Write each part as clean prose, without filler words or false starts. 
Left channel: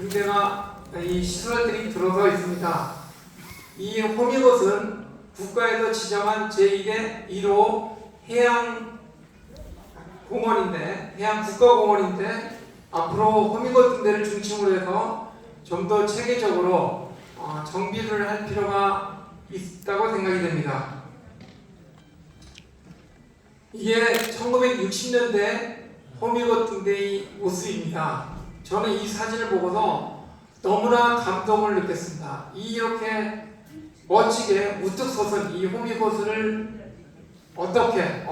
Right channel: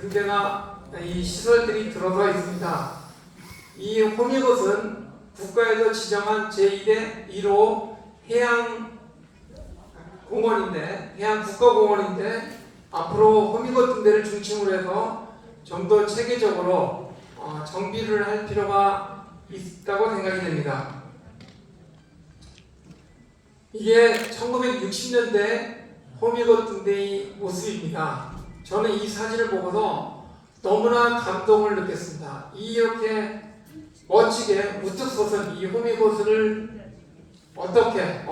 등대나 이 시설들이 들어서 있습니다. 이 호미곶은 국가에서 지정한 제1의 1호 해양 국가공원인데 앞으로 호미곶 등대를 중심으로 해서 좀 더 체계적으로 정비를 할 필요가 있다고 생각이 됩니다. 이게 1960년대 호미곶 등대의 모습입니다. 저는 이 사진을 보고서 너무나 감동을 느꼈습니다. 이렇게 멋지게 우뚝 솟은 이 호미곶을 어떻게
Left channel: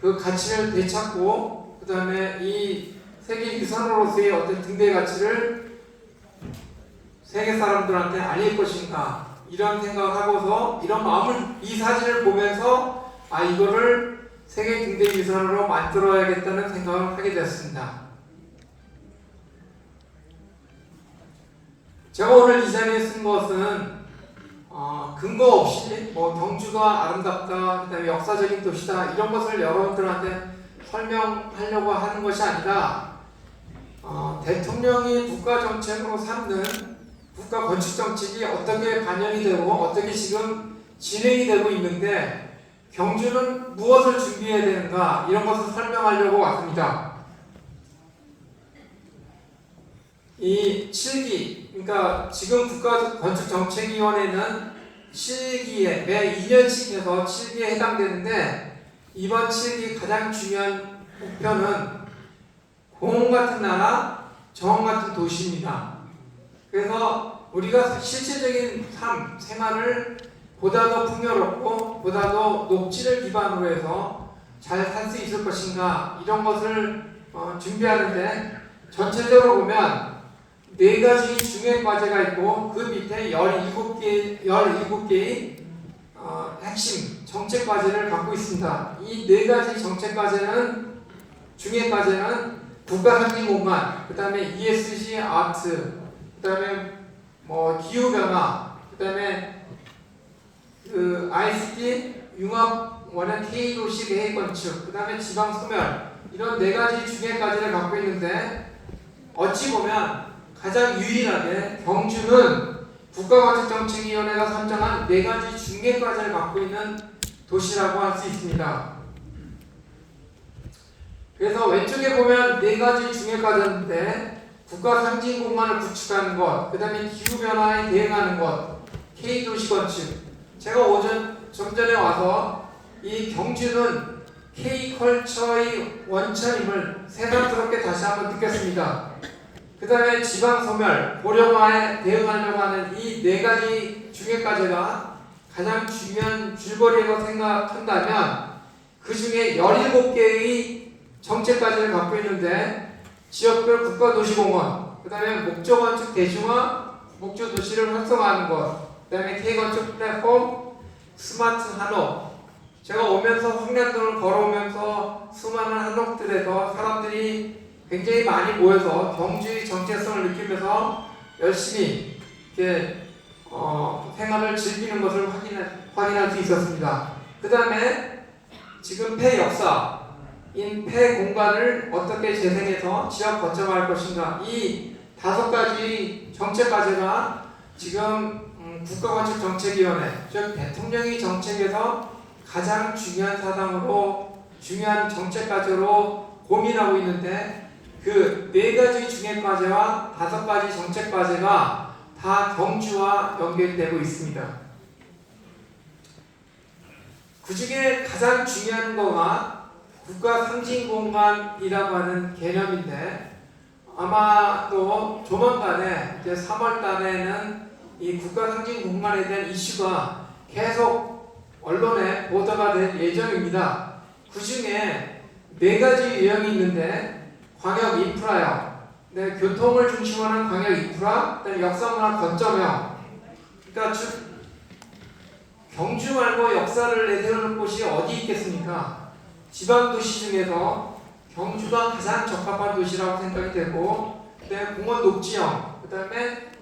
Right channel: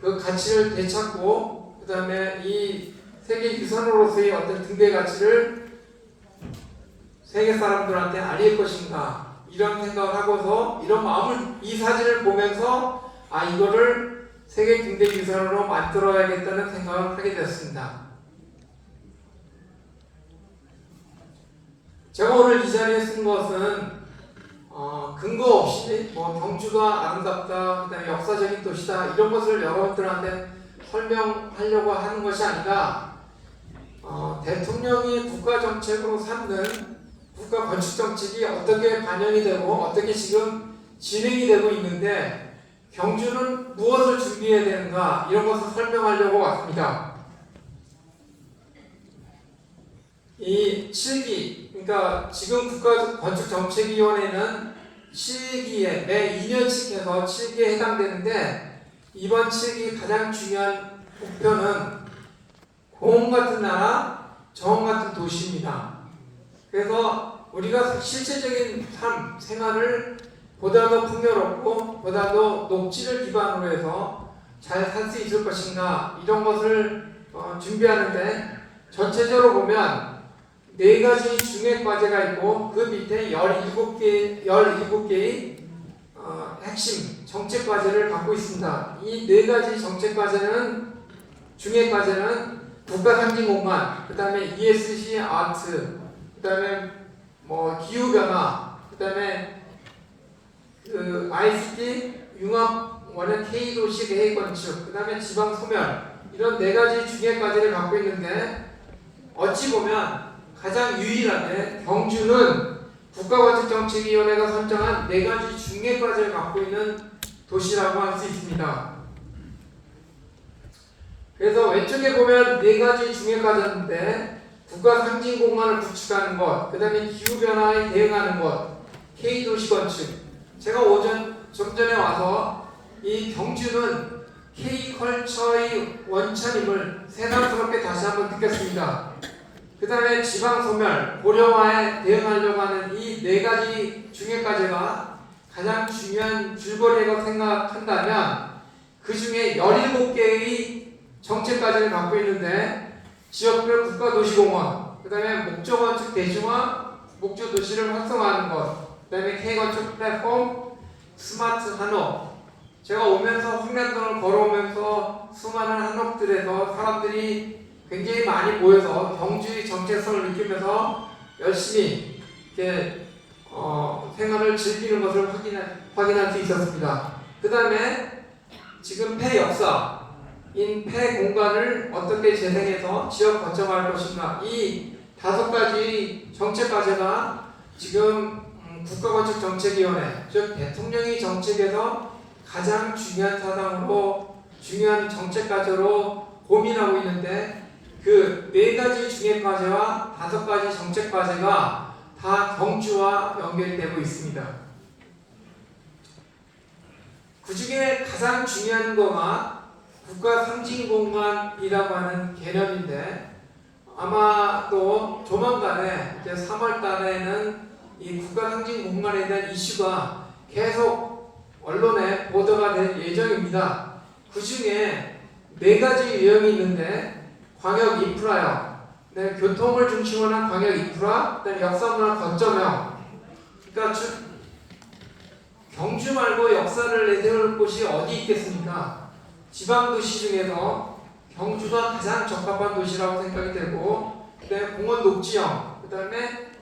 그 가치를 되찾고 그 다음에 이 세계 유산으로서의 어떤 등대 가치를 세계 사람들한테 알릴 것인가 이런 생각을 하고서 이런 마음을 이 사진을 보면서 이거를 세계 등대 유산으로 만들어야겠다는 생각을 하게 되었습니다. 제가 오늘 이 자리에 쓴 것은 근거 없이 경주가 아름답다, 그다음에 역사적인 도시다 이런 것을 여러분들한테 설명하려고 하는 것이 아니라 대통령이 국가 정책으로 삼는 국가 건축 정책이 어떻게 반영이 되고 어떻게 지금 진행이 되고 있는데 경주는 무엇을 준비해야 되는가 이런 것을 설명하려고 왔습니다. 이 7기, 그러니까 지금 국가건축정책위원회는 7기에 매 2년씩 해서 7기에 해당되는데 이번 7기 가장 중요한 목표는 공원 같은 나라, 정원 같은 도시입니다. 그래서 우리가 실제적인 생활을 보다 더 풍요롭고 보다 더 녹지를 기반으로 해서 잘 살 수 있을 것인가 이런 것을 준비하는데 전체적으로 보면 4가지 중요한 과제가 있고 그 밑에 17개의 핵심 정책 과제를 갖고 있습니다. 이 4가지 정책 과제는 중요한 과제는 국가 상징 공간, 그 다음에 ESG 아트, 그 다음에 기후 변화, 그 다음에 ICT 융합 원형 K 도시 계획 건축, 그 다음에 지방 소멸 이런 4가지 중요한 과제를 갖고 있는데 어찌 보면 가장 유일하게 경주는 국가건축정책위원회가 선정한 4가지 중개 과제를 갖고 있는 도시라고 할 수 있습니다. 그래서 왼쪽에 보면 4가지 중개 과제인데 국가 상징 공간을 구축하는 것, 그 다음에 기후변화에 대응하는 것, K도시 건축. 제가 좀 전에 와서 이 경주는 K컬처의 원천임을 새삼스럽게 다시 한번 느꼈습니다. 그 다음에 지방소멸, 고령화에 대응하려고 하는 이 4가지 중개과제가 가장 중요한 줄거리라고 생각한다면 그 중에 17개의 정책과제를 갖고 있는데 지역별 국가도시공원, 그 다음에 목적건축 대중화, 목적도시를 활성화하는 것, 그 다음에 K건축 플랫폼, 스마트 한옥. 제가 오면서 홍련동을 걸어오면서 수많은 한옥들에서 사람들이 굉장히 많이 모여서 경주의 정체성을 느끼면서 열심히 이렇게 생활을 즐기는 것을 확인할 수 있었습니다. 그 다음에 지금 폐역사인 폐공간을 어떻게 재생해서 지역 거점화할 것인가 이 5가지 정책 과제가 지금 국가건축정책위원회 즉 대통령이 정책에서 가장 중요한 사항으로 중요한 정책 과제로 고민하고 있는데 그 4가지 중개 과제와 5가지 정책 과제가 다 경주와 연결되고 있습니다. 그 중에 가장 중요한 거가 국가 상징 공간이라고 하는 개념인데 아마도 조만간에 이제 3월 달에는 이 국가 상징 공간에 대한 이슈가 계속 언론에 보도가 될 예정입니다. 그 중에 4가지 유형이 있는데 광역 인프라형, 교통을 중심으로 하는 광역 인프라, 그다음에 역사문화 거점형. 그러니까 경주 말고 역사를 내세울 곳이 어디 있겠습니까? 지방 도시 중에서 경주가 가장 적합한 도시라고 생각이 되고, 그다음에 공원 녹지형, 그다음에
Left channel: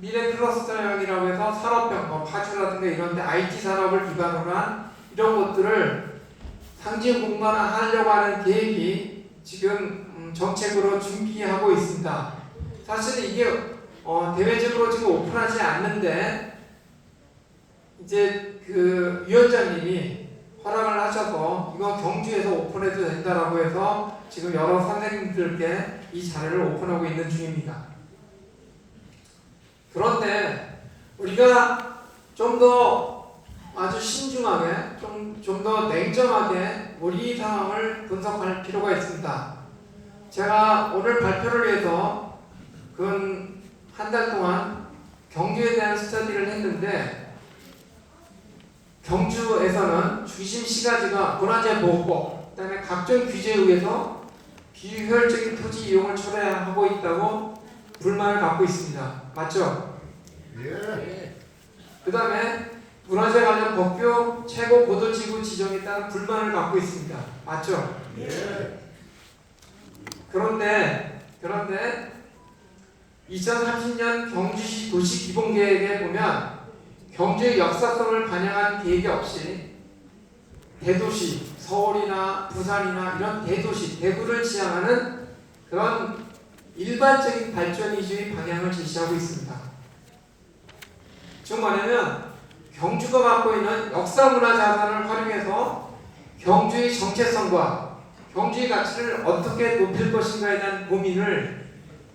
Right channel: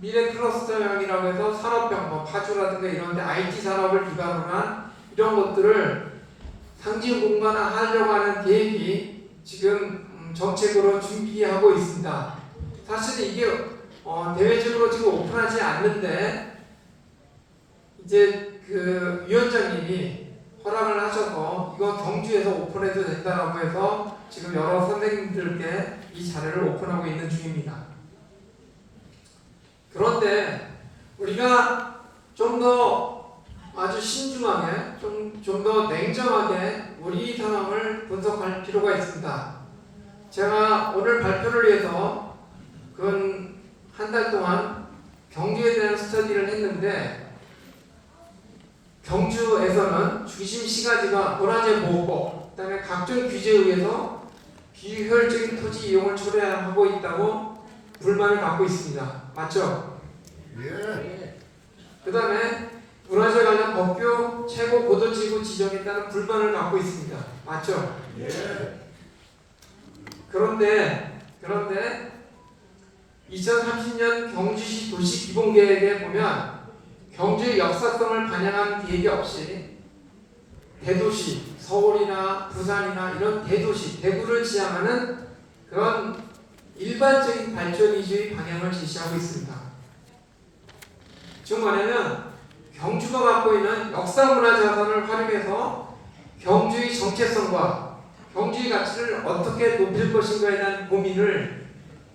미래 클러스터형이라고 해서 산업형, 파주라든가 이런데 IT 산업을 기반으로 한 이런 것들을 상징 공간화하려고 하는 계획이 지금 정책으로 준비하고 있습니다. 사실은 이게 대외적으로 지금 오픈하지 않는데 이제 그 위원장님이 허락을 하셔서 이거 경주에서 오픈해도 된다라고 해서 지금 여러 선생님들께 이 자리를 오픈하고 있는 중입니다. 그런데 우리가 좀 더 아주 신중하게 좀 더 냉정하게 우리 상황을 분석할 필요가 있습니다. 제가 오늘 발표를 위해서 근 한 달 동안 경주에 대한 스터디를 했는데 경주에서는 중심 시가지가 문화재 보호법, 그다음에 각종 규제에 의해서 비효율적인 토지 이용을 초래하고 있다고 불만을 갖고 있습니다. 맞죠? 예. 그다음에 문화재 관련 법규 최고 고도지구 지정에 따른 불만을 갖고 있습니다. 맞죠? 예. 그런데 2030년 경주시 도시기본계획에 보면 경주의 역사성을 반영한 계획이 없이 대도시, 서울이나 부산이나 이런 대도시, 대구를 지향하는 그런 일반적인 발전 위주의 방향을 제시하고 있습니다. 즉 말하면 경주가 갖고 있는 역사문화 자산을 활용해서 경주의 정체성과 경주의 가치를 어떻게 높일 것인가에 대한 고민을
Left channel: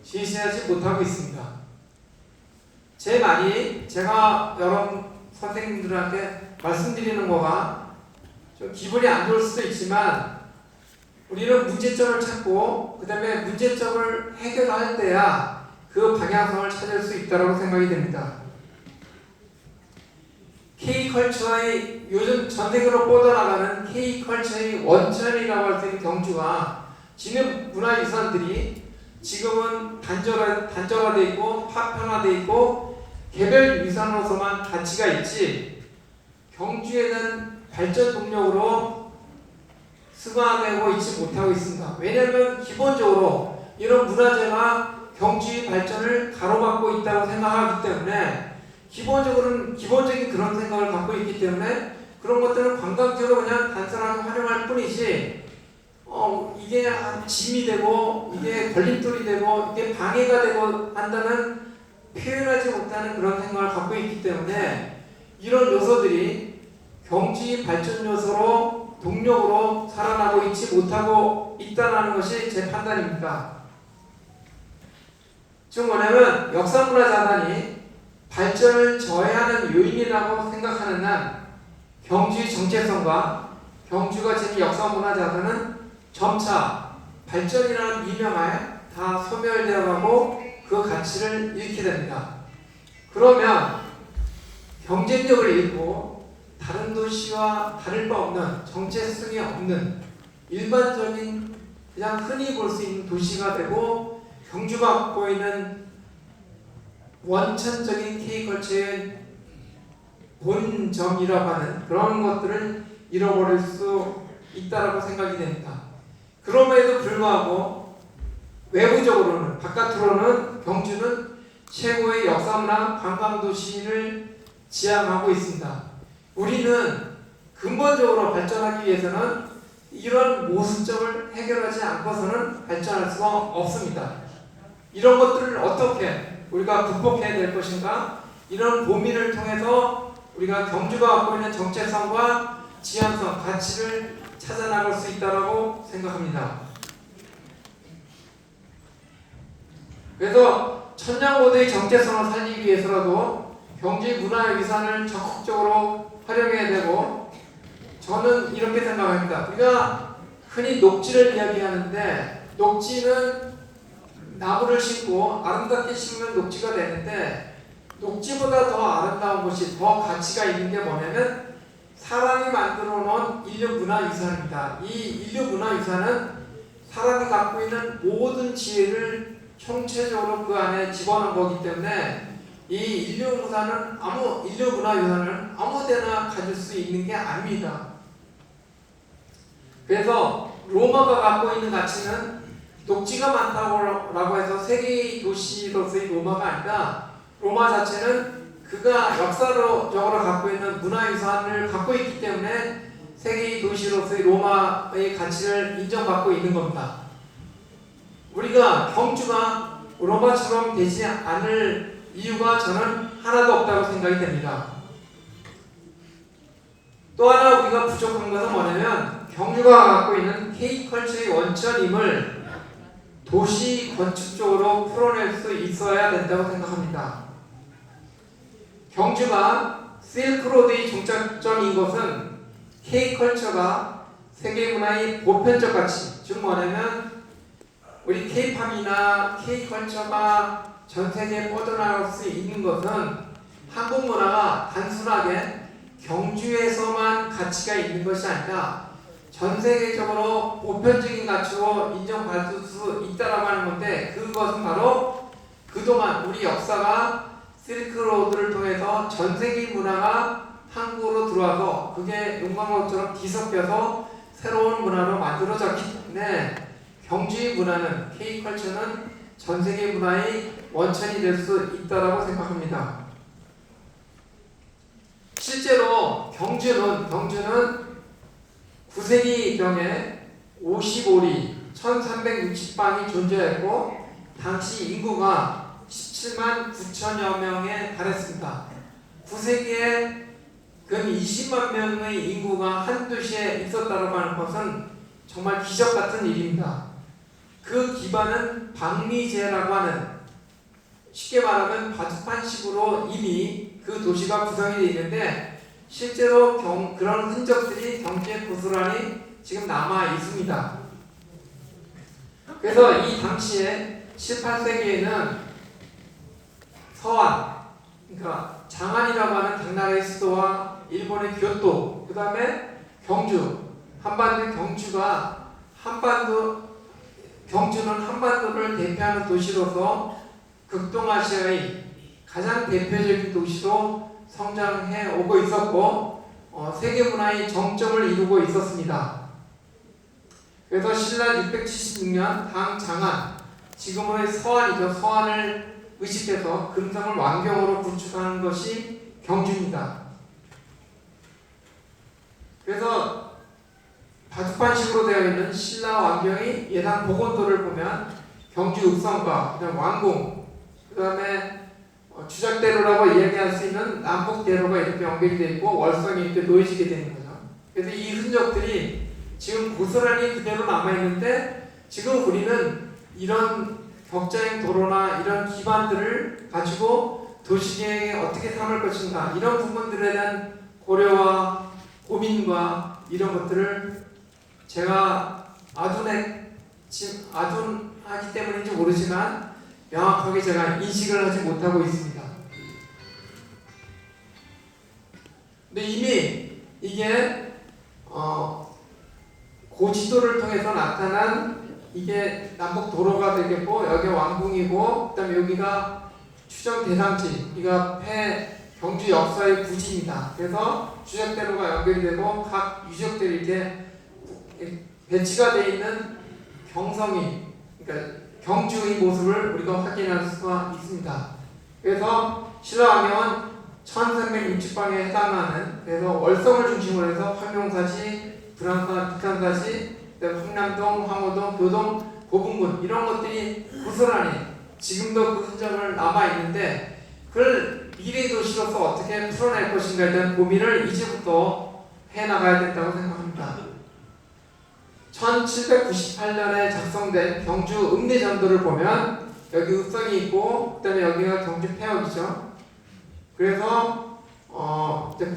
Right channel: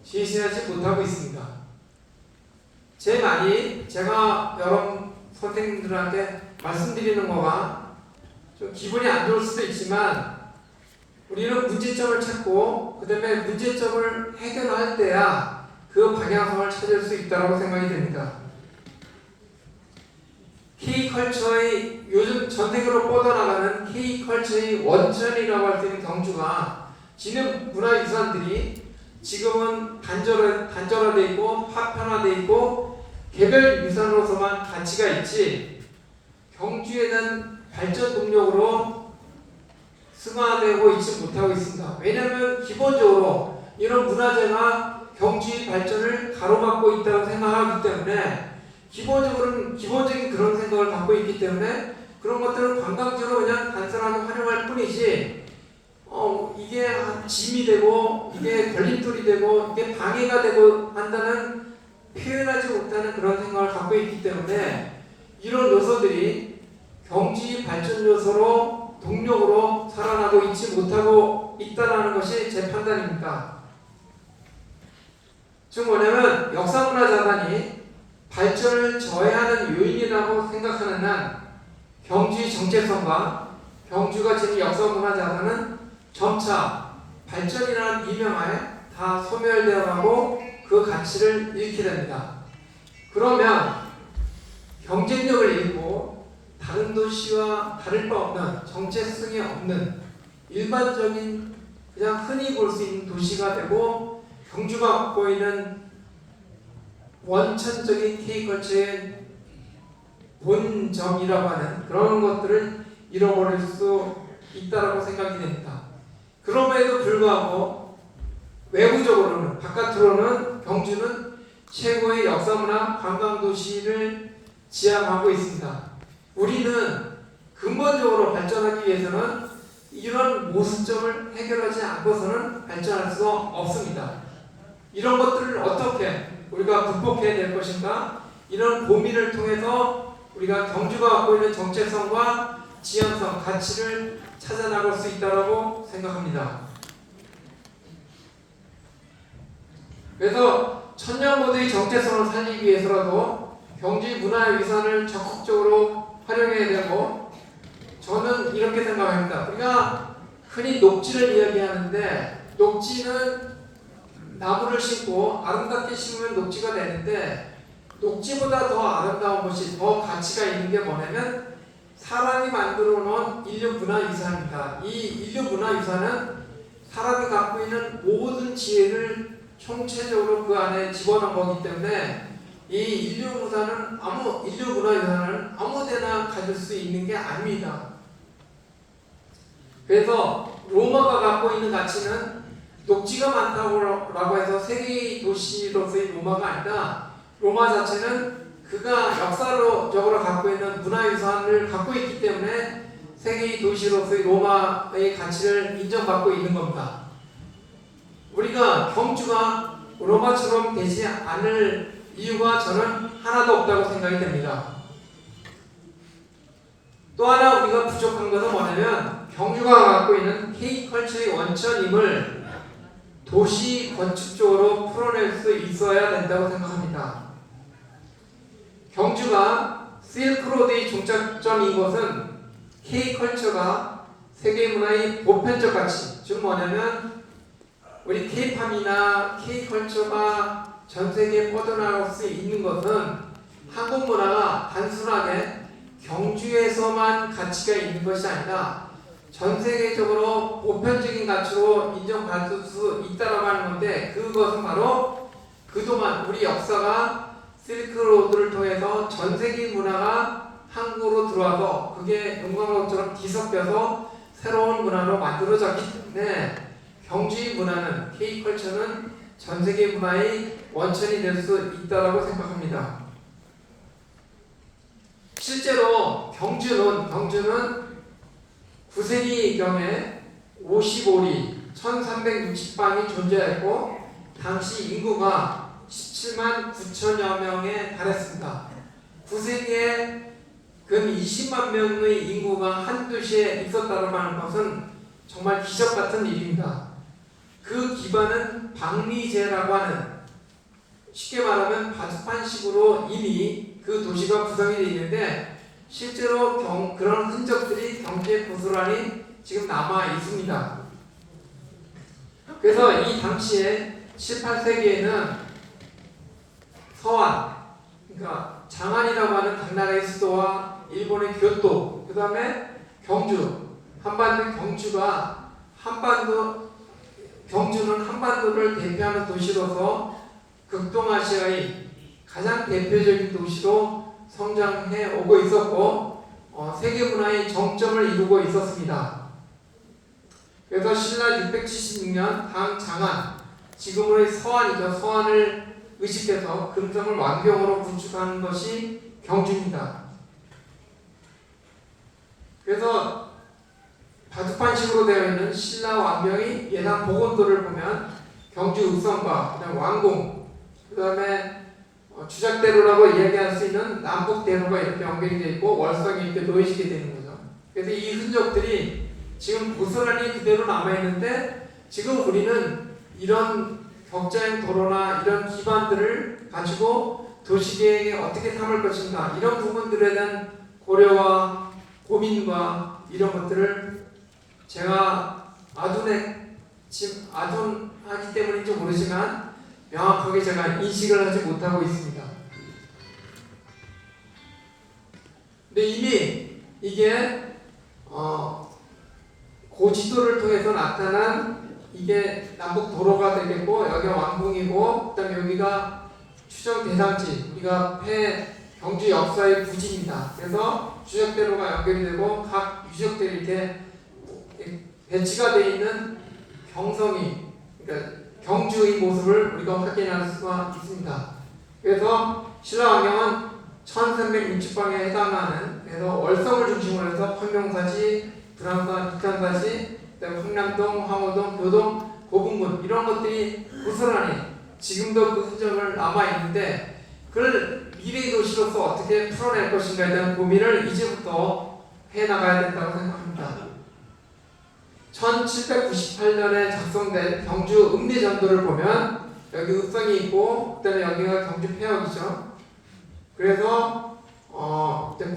제시하지 못하고 있습니다. 제 말이 제가 여러 선생님들한테 말씀드리는 거가 좀 기분이 안 좋을 수도 있지만 우리는 문제점을 찾고 그 다음에 문제점을 해결할 때야 그 방향성을 찾을 수 있다고 생각이 됩니다. K컬처의 요즘 전 세계로 뻗어나가는 K컬처의 원천이라고 할 수 있는 경주가 지금 문화유산들이 지금은 단절화되어 있고 파편화되어 있고 개별 유산으로서만 가치가 있지 경주에 대한 발전 동력으로 승화되고 있지 못하고 있습니다. 왜냐하면 기본적으로 이런 문화재가 경주의 발전을 가로막고 있다고 생각하기 때문에 기본적인 그런 생각을 갖고 있기 때문에 그런 것들은 관광지로 그냥 단순하게 활용할 뿐이지 이게 짐이 되고 이게 걸림돌이 되고 이게 방해가 되고 한다는 표현하지 못하는 그런 생각을 갖고 있기 때문에 이런 요소들이 경주의 발전 요소로 동력으로 살아나고 있지 못하고 있다는 것이 제 판단입니다. 즉 뭐냐면 역사문화 자산이 발전을 저해하는 요인이라고 생각하는 한 경주의 정체성과 경주가 지닌 역사문화 자산은 점차 발전이라는 이념하에 다 소멸되어 가고 그 가치를 잃게 됩니다. 그러면 경쟁력을 잃고 다른 도시와 다를 바 없는 정체성이 없는 일반적인 그냥 흔히 볼 수 있는 도시가 되고 경주가 갖고 있는 원천적인 K컬처의 본점이라고 하는 그런 것들을 잃어버릴 수 있다고 생각이 됩니다. 그럼에도 불구하고 외부적으로는 바깥으로는 경주는 최고의 역사문화 관광도시를 지향하고 있습니다. 우리는 근본적으로 발전하기 위해서는 이런 모순점을 해결하지 않고서는 발전할 수가 없습니다. 이런 것들을 어떻게 우리가 극복해야 될 것인가? 이런 고민을 통해서 우리가 경주가 갖고 있는 정체성과 지향성, 가치를 찾아나갈 수 있다고 생각합니다. 그래서 천년고도의 정체성을 살리기 위해서라도 경주의 문화유산을 적극적으로 활용해야 되고 저는 이렇게 생각합니다. 우리가 흔히 녹지를 이야기하는데 녹지는 나무를 심고 아름답게 심으면 녹지가 되는데 녹지보다 더 아름다운 것이 더 가치가 있는 게 뭐냐면 사람이 만들어 놓은 인류 문화유산입니다. 이 인류 문화유산은 사람이 갖고 있는 모든 지혜를 총체적으로 그 안에 집어넣은 거기 때문에 이 인류 문화유산은 아무데나 가질 수 있는 게 아닙니다. 그래서 로마가 갖고 있는 가치는 녹지가 많다고 해서 세계 도시로서의 로마가 아니라 로마 자체는 그가 역사적으로 갖고 있는 문화유산을 갖고 있기 때문에 세계 도시로서의 로마의 가치를 인정받고 있는 겁니다. 우리가 경주가 로마처럼 되지 않을 이유가 저는 하나도 없다고 생각이 됩니다. 또 하나 우리가 부족한 것은 뭐냐면 경주가 갖고 있는 K컬처의 원천임을 도시 건축적으로 풀어낼 수 있어야 된다고 생각합니다. 경주가 실크로드의 종착점인 것은 K컬처가 세계 문화의 보편적 가치, 즉 뭐냐면 우리 K팝이나 K컬처가 전 세계에 뻗어나갈 수 있는 것은 한국 문화가 단순하게 경주에서만 가치가 있는 것이 아니라 전 세계적으로 보편적인 가치로 인정받을 수 있다라고 하는 건데, 그것은 바로 그동안 우리 역사가 실크로드를 통해서 전 세계 문화가 한국으로 들어와서 그게 용광로처럼 뒤섞여서 새로운 문화로 만들어졌기 때문에 경주의 문화는, K컬처는 전 세계 문화의 원천이 될 수 있다고 생각합니다. 실제로 경주는 9세기경에 55리 1360방이 존재했고 당시 인구가 17만 9천여 명에 달했습니다. 9세기에 근 20만 명의 인구가 한 도시에 있었다고 하는 것은 정말 기적 같은 일입니다. 그 기반은 방미제라고 하는, 쉽게 말하면 바둑판식으로 이미 그 도시가 구성이 되어 있는데 실제로 그런 흔적들이 경주에 고스란히 지금 남아 있습니다. 그래서 이 당시에 18세기에는 서안, 그러니까 장안이라고 하는 당나라의 수도와 일본의 교토, 그 다음에 경주, 한반도 경주는 한반도를 대표하는 도시로서 극동아시아의 가장 대표적인 도시로 성장해 오고 있었고 세계 문화의 정점을 이루고 있었습니다. 그래서 신라 676년 당 장안, 지금의 서안이죠. 서안을 의식해서 금성을 왕경으로 구축한 것이 경주입니다. 그래서 바둑판식으로 되어 있는 신라 왕경의 예상 복원도를 보면 경주 읍성과 그다음 왕궁, 그다음에 주작대로라고 이야기할 수 있는 남북대로가 이렇게 연결이 되어 있고 월성이 이렇게 놓여지게 되는 거죠. 그래서 이 흔적들이 지금 고스란히 그대로 남아있는데, 지금 우리는 이런 격자형 도로나 이런 기반들을 가지고 도시계획에 어떻게 삼을 것인가, 이런 부분들에 대한 고려와 고민과 이런 것들을 제가 아둔하기 때문인지 모르지만 명확하게 제가 인식을 하지 못하고 있습니다. 근데 이미 이게 고지도를 통해서 나타난 이게 남북 도로가 되겠고, 여기가 왕궁이고, 그다음에 여기가 추정 대상지, 여기가 경주 역사의 부지입니다. 그래서 추적대로가 연결이 되고 각 유적들이 이렇게 배치가 되어 있는 경성이, 그러니까 경주의 모습을 우리가 확인할 수가 있습니다. 그래서 신라 왕경은 1360방에 해당하는, 그래서 월성을 중심으로 해서 황룡사시, 불암산, 북한사시, 그다음에 황남동, 황호동, 교동, 고분군, 이런 것들이 고스란히 지금도 그 흔적을 남아 있는데, 그걸 미래 도시로서 어떻게 풀어낼 것인가에 대한 고민을 이제부터 해나가야 된다고 생각합니다. 1798년에 작성된 경주 읍내전도를 보면 여기 읍성이 있고, 그다음에 여기가 경주 폐역이죠. 그래서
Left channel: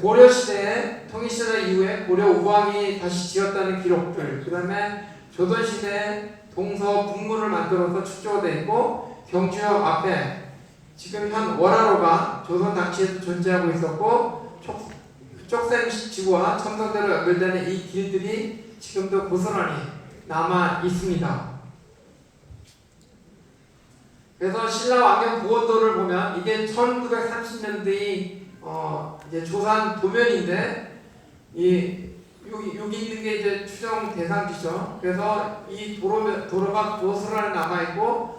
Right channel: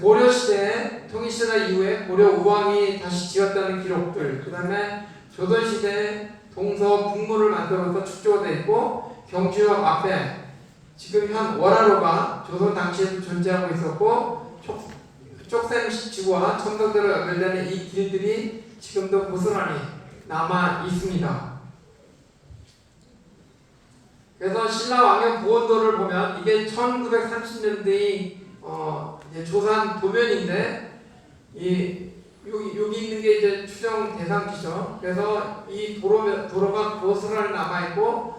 고려 시대에, 통일시대 이후에 고려 우왕이 다시 지었다는 기록들, 그다음에 조선 시대에 동서 북문을 만들어서 축조가 되어 있고, 경주역 앞에 지금 현 원화로가 조선 당시에도 존재하고 있었고, 쪽샘지구와 첨성대로 연결되는 이 길들이 지금도 고스란히 남아 있습니다. 그래서 신라 왕경 보원도를 보면 이게 1930년대의 이제 조산 도면인데, 여기 있는 게 이제 추정 대상지죠. 그래서 이 도로가 고스란히 남아 있고,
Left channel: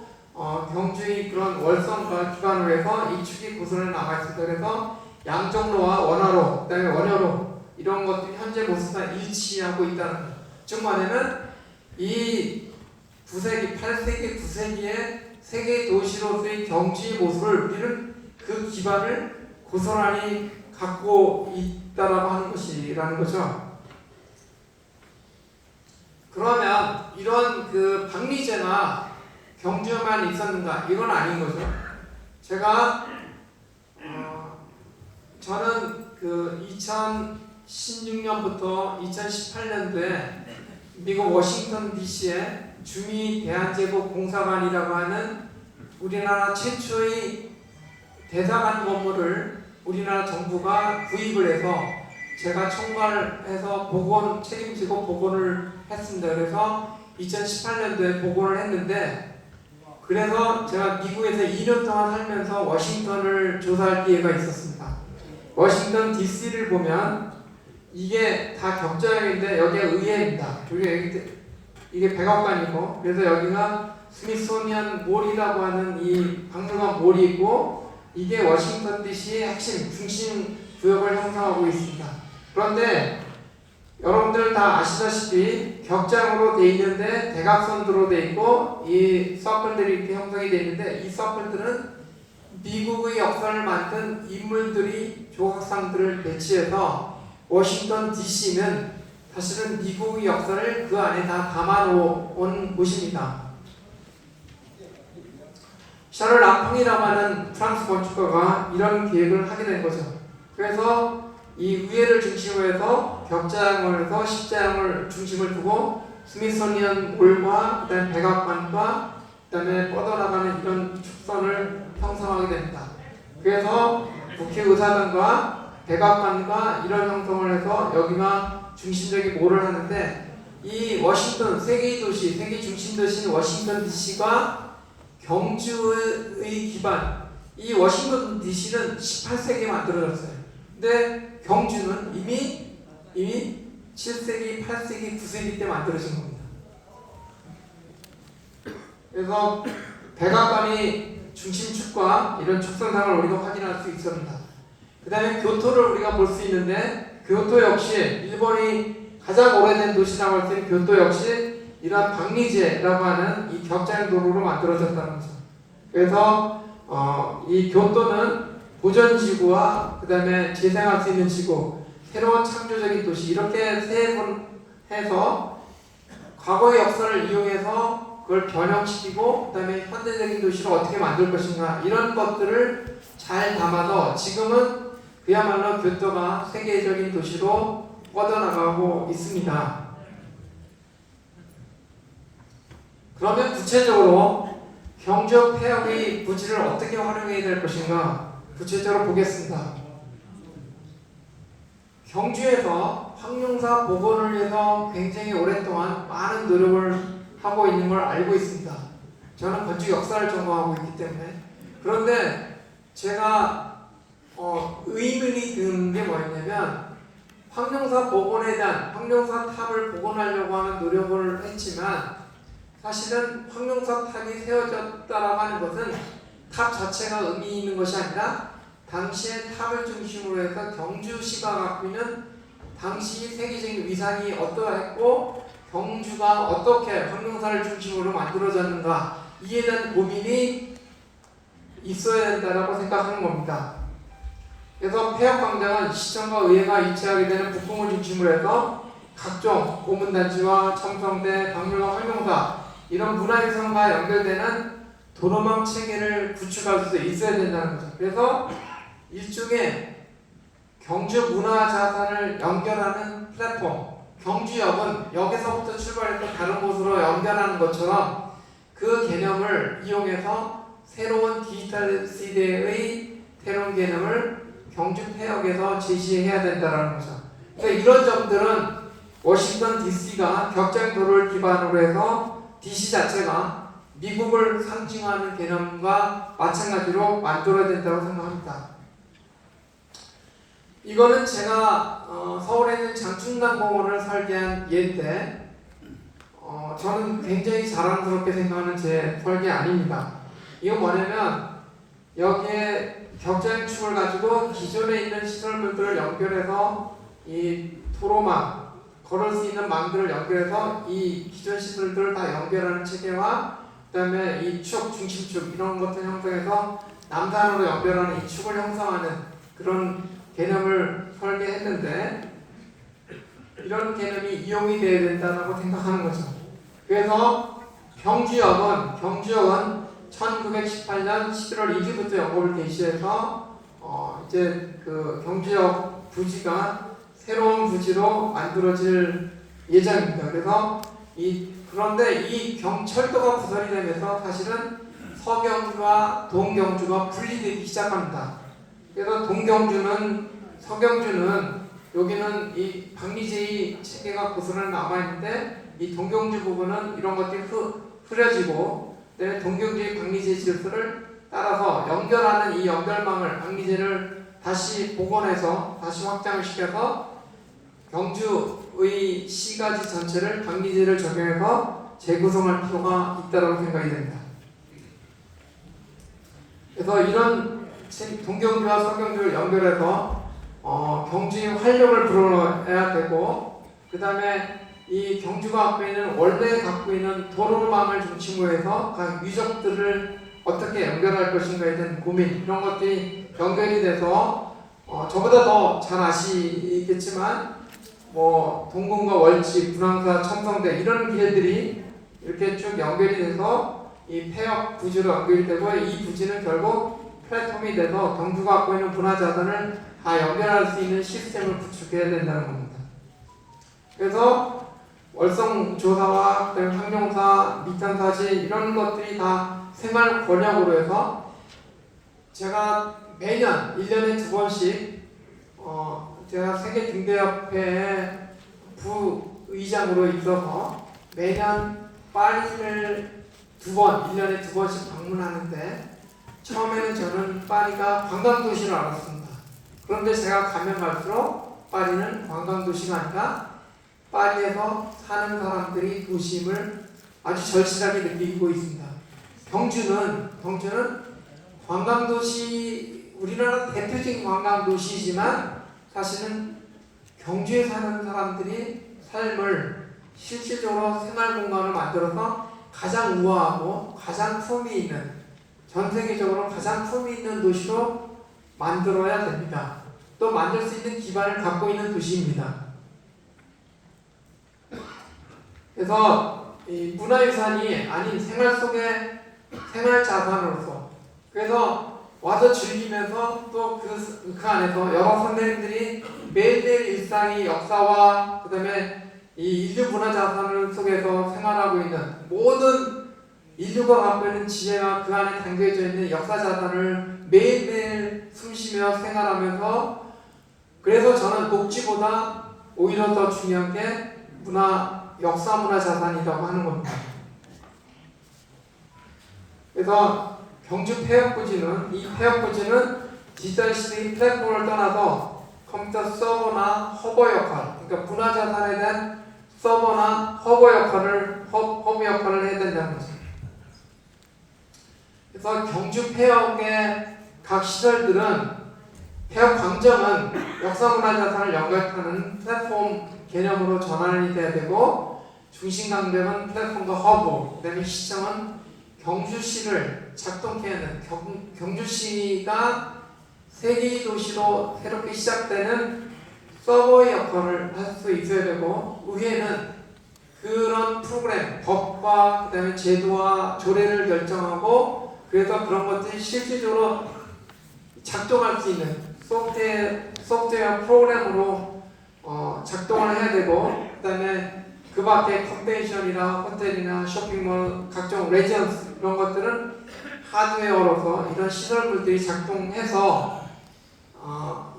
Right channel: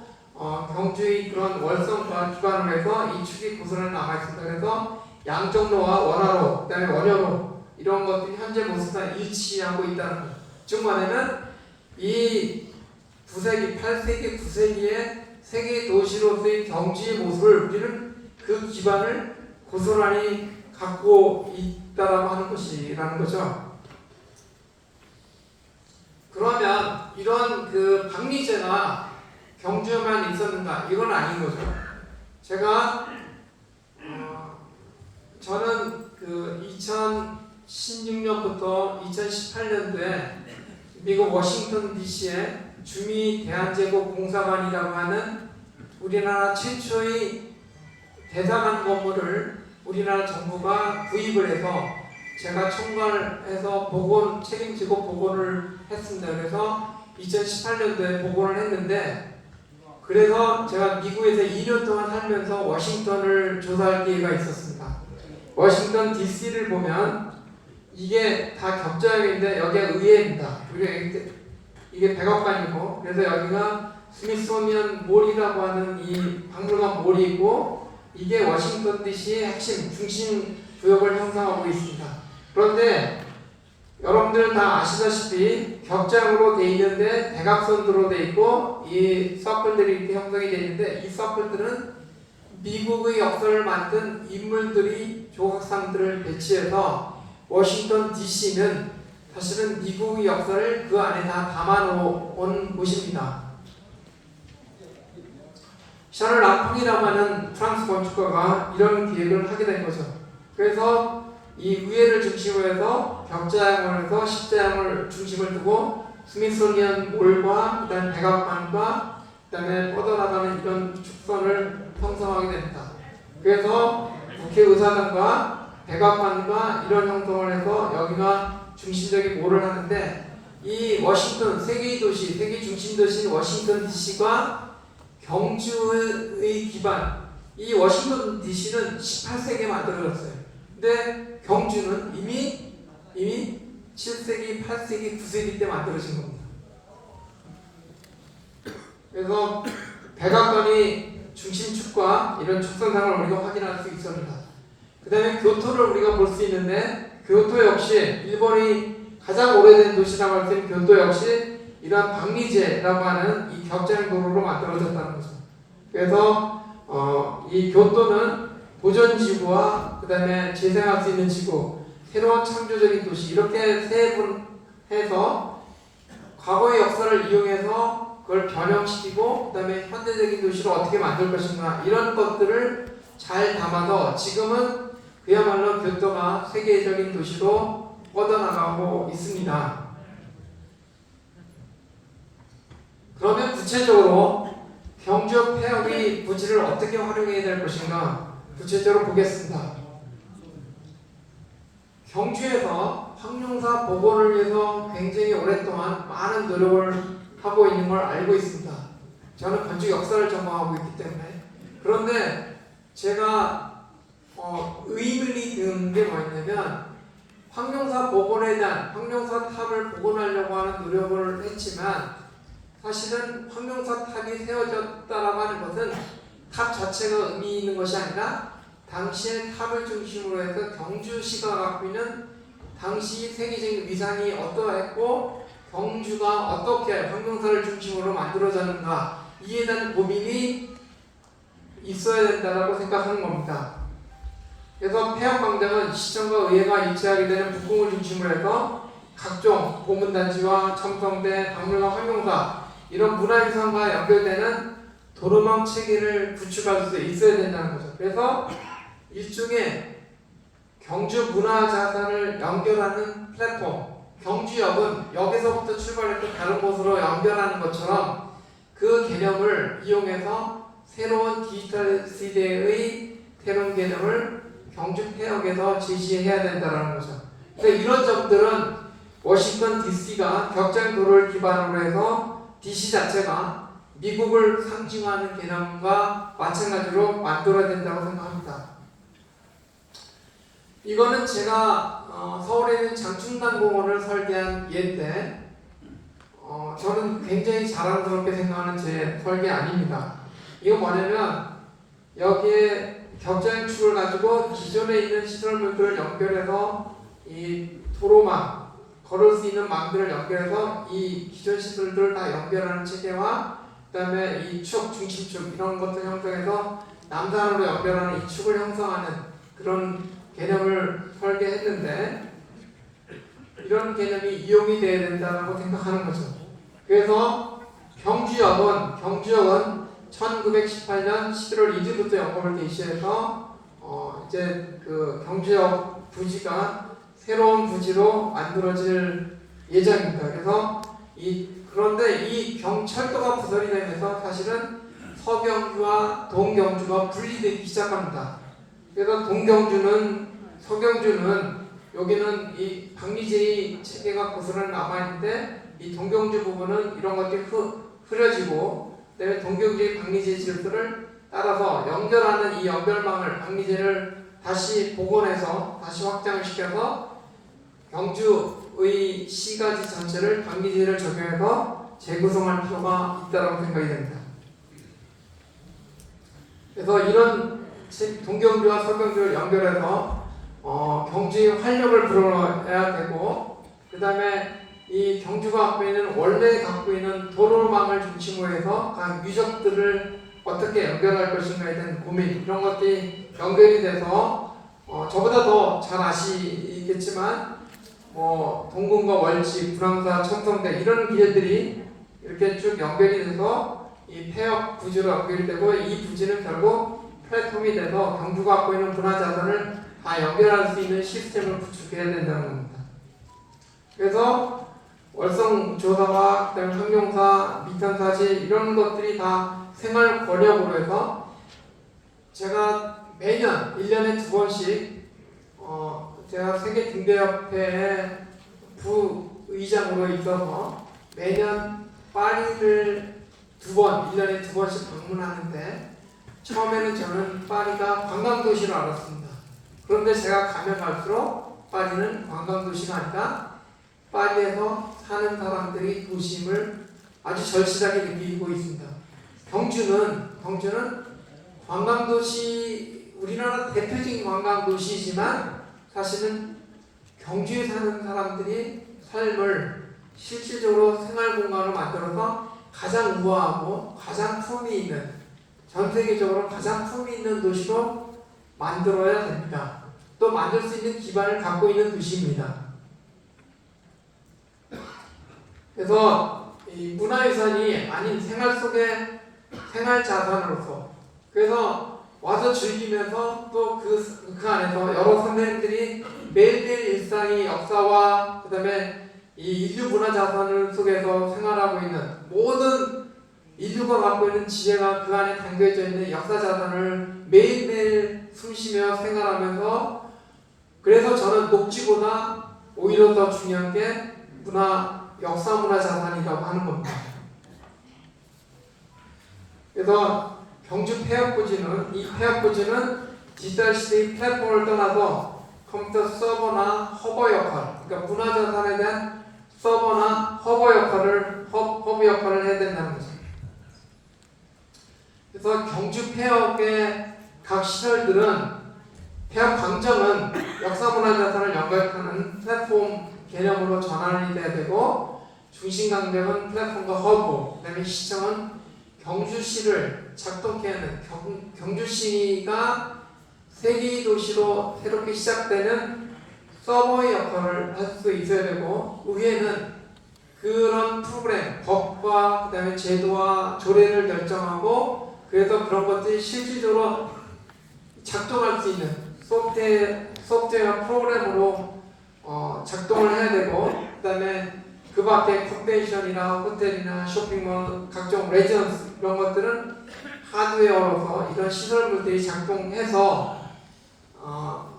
경주의 그런 월성과 기반으로 해서 이 축이 고스란히 남아 있습니다. 그래서 양정로와 원화로, 그다음에 원효로, 이런 것들이 현재 모습과 일치하고 있다는 거죠. 즉 뭐냐면 이 9세기, 8세기, 9세기에 세계 도시로서의 경제의 모습을 우리는 그 기반을 고스란히 갖고 있다라고 하는 것이라는 거죠. 그러면 이런 그 박리제가 경주에만 있었는가? 이건 아닌 거죠. 저는 그 2016년부터 2018년도에 미국 워싱턴 DC에 주미 대한제국 공사관이라고 하는 우리나라 최초의 대사관 건물을 우리나라 정부가 구입을 해서 제가 총괄해서 책임지고 복원을 했습니다. 그래서 2018년도에 복원을 했는데, 그래서 제가 미국에서 2년 동안 살면서 워싱턴을 조사할 기회가 있었습니다. 워싱턴 DC를 보면 이게 다 격자형인데 여기가 의회입니다. 이게 백악관이고, 그래서 여기가 스미소니언 몰이라고 하는 이 박물관 몰이 있고, 이게 워싱턴 DC의 핵심 중심 구역을 형성하고 있습니다. 그런데 여러분들 다 아시다시피 격장으로 돼 있는데 대각선으로 돼 있고 이 서클들이 이렇게 형성이 돼 있는데, 이 서클들은 미국의 역사를 만든 인물들이 조각상들을 배치해서 워싱턴 DC는 사실은 미국의 역사를 그 안에 다 담아놓은 곳입니다. 샤를 랑퐁이라고 하는 프랑스 건축가가 이런 계획을 하게 된 거죠. 그래서 이 의회를 중심으로 해서 격자형을 해서 십자형을 중심을 두고 스미소니언 몰과 그다음 백악관과 그다음에 뻗어나가는 이런 축선을 형성하게 됩니다. 그래서 국회의사당과 백악관과 이런 형성을 해서 여기가 중심적인 몰을 하는데, 이 워싱턴 세계의 도시, 세계 중심 도시 워싱턴 DC가 경주의 기반, 이 워싱턴 DC는 18세기에 만들어졌어요. 근데 경주는 이미 7세기, 8세기, 9세기 때 만들어진 겁니다. 그래서 백악관이 중심축과 이런 축성상을 우리가 확인할 수 있습니다. 그 다음에 교토를 우리가 볼 수 있는데, 교토 역시 일본이 가장 오래된 도시라고 할 수 있는 교토 역시 이러한 박리제라고 하는 이 격자형 도로로 만들어졌다는 거죠. 그래서 이 교토는 보전지구와 그 다음에 재생할 수 있는 지구, 새로운 창조적인 도시, 이렇게 세 번 해서 과거의 역사를 이용해서 그걸 변형시키고 그 다음에 현대적인 도시를 어떻게 만들 것인가, 이런 것들을 잘 담아서 지금은 그야말로 교토가 세계적인 도시로 뻗어나가고 있습니다. 그러면 구체적으로 경주 폐역의 부지를 어떻게 활용해야 될 것인가 구체적으로 보겠습니다. 경주에서 황룡사 복원을 위해서 굉장히 오랫동안 많은 노력을 하고 있는 걸 알고 있습니다. 저는 건축 역사를 전공하고 있기 때문에. 그런데 제가 의견이 든 게 뭐였냐면, 황룡사 복원에 대한 황룡사 탑을 복원하려고 하는 노력을 했지만 사실은 황룡사 탑이 세워졌다라고 하는 것은 탑 자체가 의미 있는 것이 아니라 당시의 탑을 중심으로 해서 경주시가 갖고 있는 당시 세계적인 위상이 어떠했고 경주가 어떻게 황룡사를 중심으로 만들어졌는가, 이에 대한 고민이 있어야 된다고 생각하는 겁니다. 그래서 폐역광장은 시청과 의회가 이체하게 되는 북궁을 중심으로 해서 각종 고문단지와 첨성대, 박물관, 황룡사 이런 문화유산과 연결되는 도로망 체계를 구축할 수 있어야 된다는 거죠. 그래서 일종의 경주 문화자산을 연결하는 플랫폼, 경주역은 역에서부터 출발해서 다른 곳으로 연결하는 것처럼 그 개념을 이용해서 새로운 디지털 시대의 새로운 개념을 경주 폐역에서 제시해야 된다는 거죠. 그래서 이런 점들은 워싱턴 DC가 격장 도로를 기반으로 해서 DC 자체가 미국을 상징하는 개념과 마찬가지로 만들어야 된다고 생각합니다. 이거는 제가 서울에 있는 장충당 공원을 설계한 예인데 저는 굉장히 자랑스럽게 생각하는 제 설계 아닙니다. 이건 뭐냐면 여기에 격자형축을 가지고 기존에 있는 시설물들을 연결해서 이 도로망, 걸을 수 있는 망들을 연결해서 이 기존 시설들을 다 연결하는 체계와 그다음에 이 축, 중심축 이런 것들 형성해서 남산으로 연결하는 이 축을 형성하는 그런 개념을 설계했는데 이런 개념이 이용이 돼야 된다고 생각하는 거죠. 그래서 경주역은 1918년 11월 2일부터 영업을 개시해서 이제 그 경주역 부지가 새로운 부지로 만들어질 예정입니다. 그래서 그런데 이 철도가 부설이 되면서 사실은 서경주와 동경주가 분리되기 시작합니다. 그래서 서경주는 여기는 이 박리제의 체계가 고스란히 남아있는데 이 동경주 부분은 이런 것들이 흐려지고 그다음에 동경주의 박리제 질서를 따라서 연결하는 이 연결망을 박리제를 다시 복원해서 다시 확장을 시켜서 경주의 시가지 전체를 박리제를 적용해서 재구성할 필요가 있다고 생각이 됩니다. 그래서 이런 동경주와 서경주를 연결해서 경주의 활력을 불어넣어야 되고 그 다음에 이 경주가 원래 갖고 있는 도로망을 중심으로 해서 각 유적들을 어떻게 연결할 것인가에 대한 고민 이런 것들이 연결이 돼서 저보다 더 잘 아시겠지만 동궁과 월지, 분황사, 첨성대 이런 길들이 이렇게 쭉 연결이 돼서 이 폐역 부지로 연결이 되고 이 부지는 결국 플랫폼이 돼서 경주가 갖고 있는 문화자산을 다 연결할 수 있는 시스템을 구축해야 된다는 겁니다. 그래서 월성조사와 환경사, 미탄사실 이런 것들이 다 생활 권역으로 해서 제가 매년 1년에 2번씩 제가 세계등대협회의 부의장으로 있어서 매년 파리를 1년에 2번씩 방문하는데 처음에는 저는 파리가 관광도시로 알았습니다. 그런데 제가 가면 갈수록 파리는 관광도시가 아니라 파리에서 사는 사람들이 도심을 아주 절실하게 느끼고 있습니다. 경주는 관광도시, 우리나라 대표적인 관광도시이지만 사실은 경주에 사는 사람들이 삶을 실질적으로 생활 공간을 만들어서 가장 우아하고 가장 품위 있는, 전 세계적으로 가장 품위 있는 도시로 만들어야 됩니다. 또 만들 수 있는 기반을 갖고 있는 도시입니다. 그래서 이 문화유산이 아닌 생활 속의 생활 자산으로서 그래서 와서 즐기면서 또 그 안에서 여러 선배님들이 매일매일 일상이 역사와 그 다음에 이 인류 문화 자산을 속에서 생활하고 있는 모든 인류가 갖고 있는 지혜가 그 안에 담겨져 있는 역사 자산을 매일매일 숨쉬며 생활하면서 그래서 저는 녹지보다 오히려 더 중요한 게 역사 문화 자산이라고 하는 겁니다. 그래서 경주 폐역부지는 디지털 시대의 플랫폼을 떠나서 컴퓨터 서버나 허버 역할, 그러니까 문화 자산에 대한 서버나 허브 역할을 해야 된다는 거죠. 그래서 경주 폐역의 각 시설들은 폐역 광장은 역사 문화 자산을 연결하는 플랫폼 개념으로 전환이 돼야 되고 중심 강력은 플랫폼과 허브, 그다음에 시청은 경주시를 작동케 하는 경주시가 세계도시로 새롭게 시작되는 서버의 역할을 할 수 있어야 되고 의회는 그런 프로그램, 법과 그다음에 제도와 조례를 결정하고 그래서 그런 것들이 실질적으로 작동할 수 있는 소프트웨어 프로그램으로 작동을 해야 되고 그다음에 그 밖에 컨벤션이나 호텔이나 쇼핑몰, 각종 레지던스 이런 것들은 하드웨어로서 이런 시설물들이 작동해서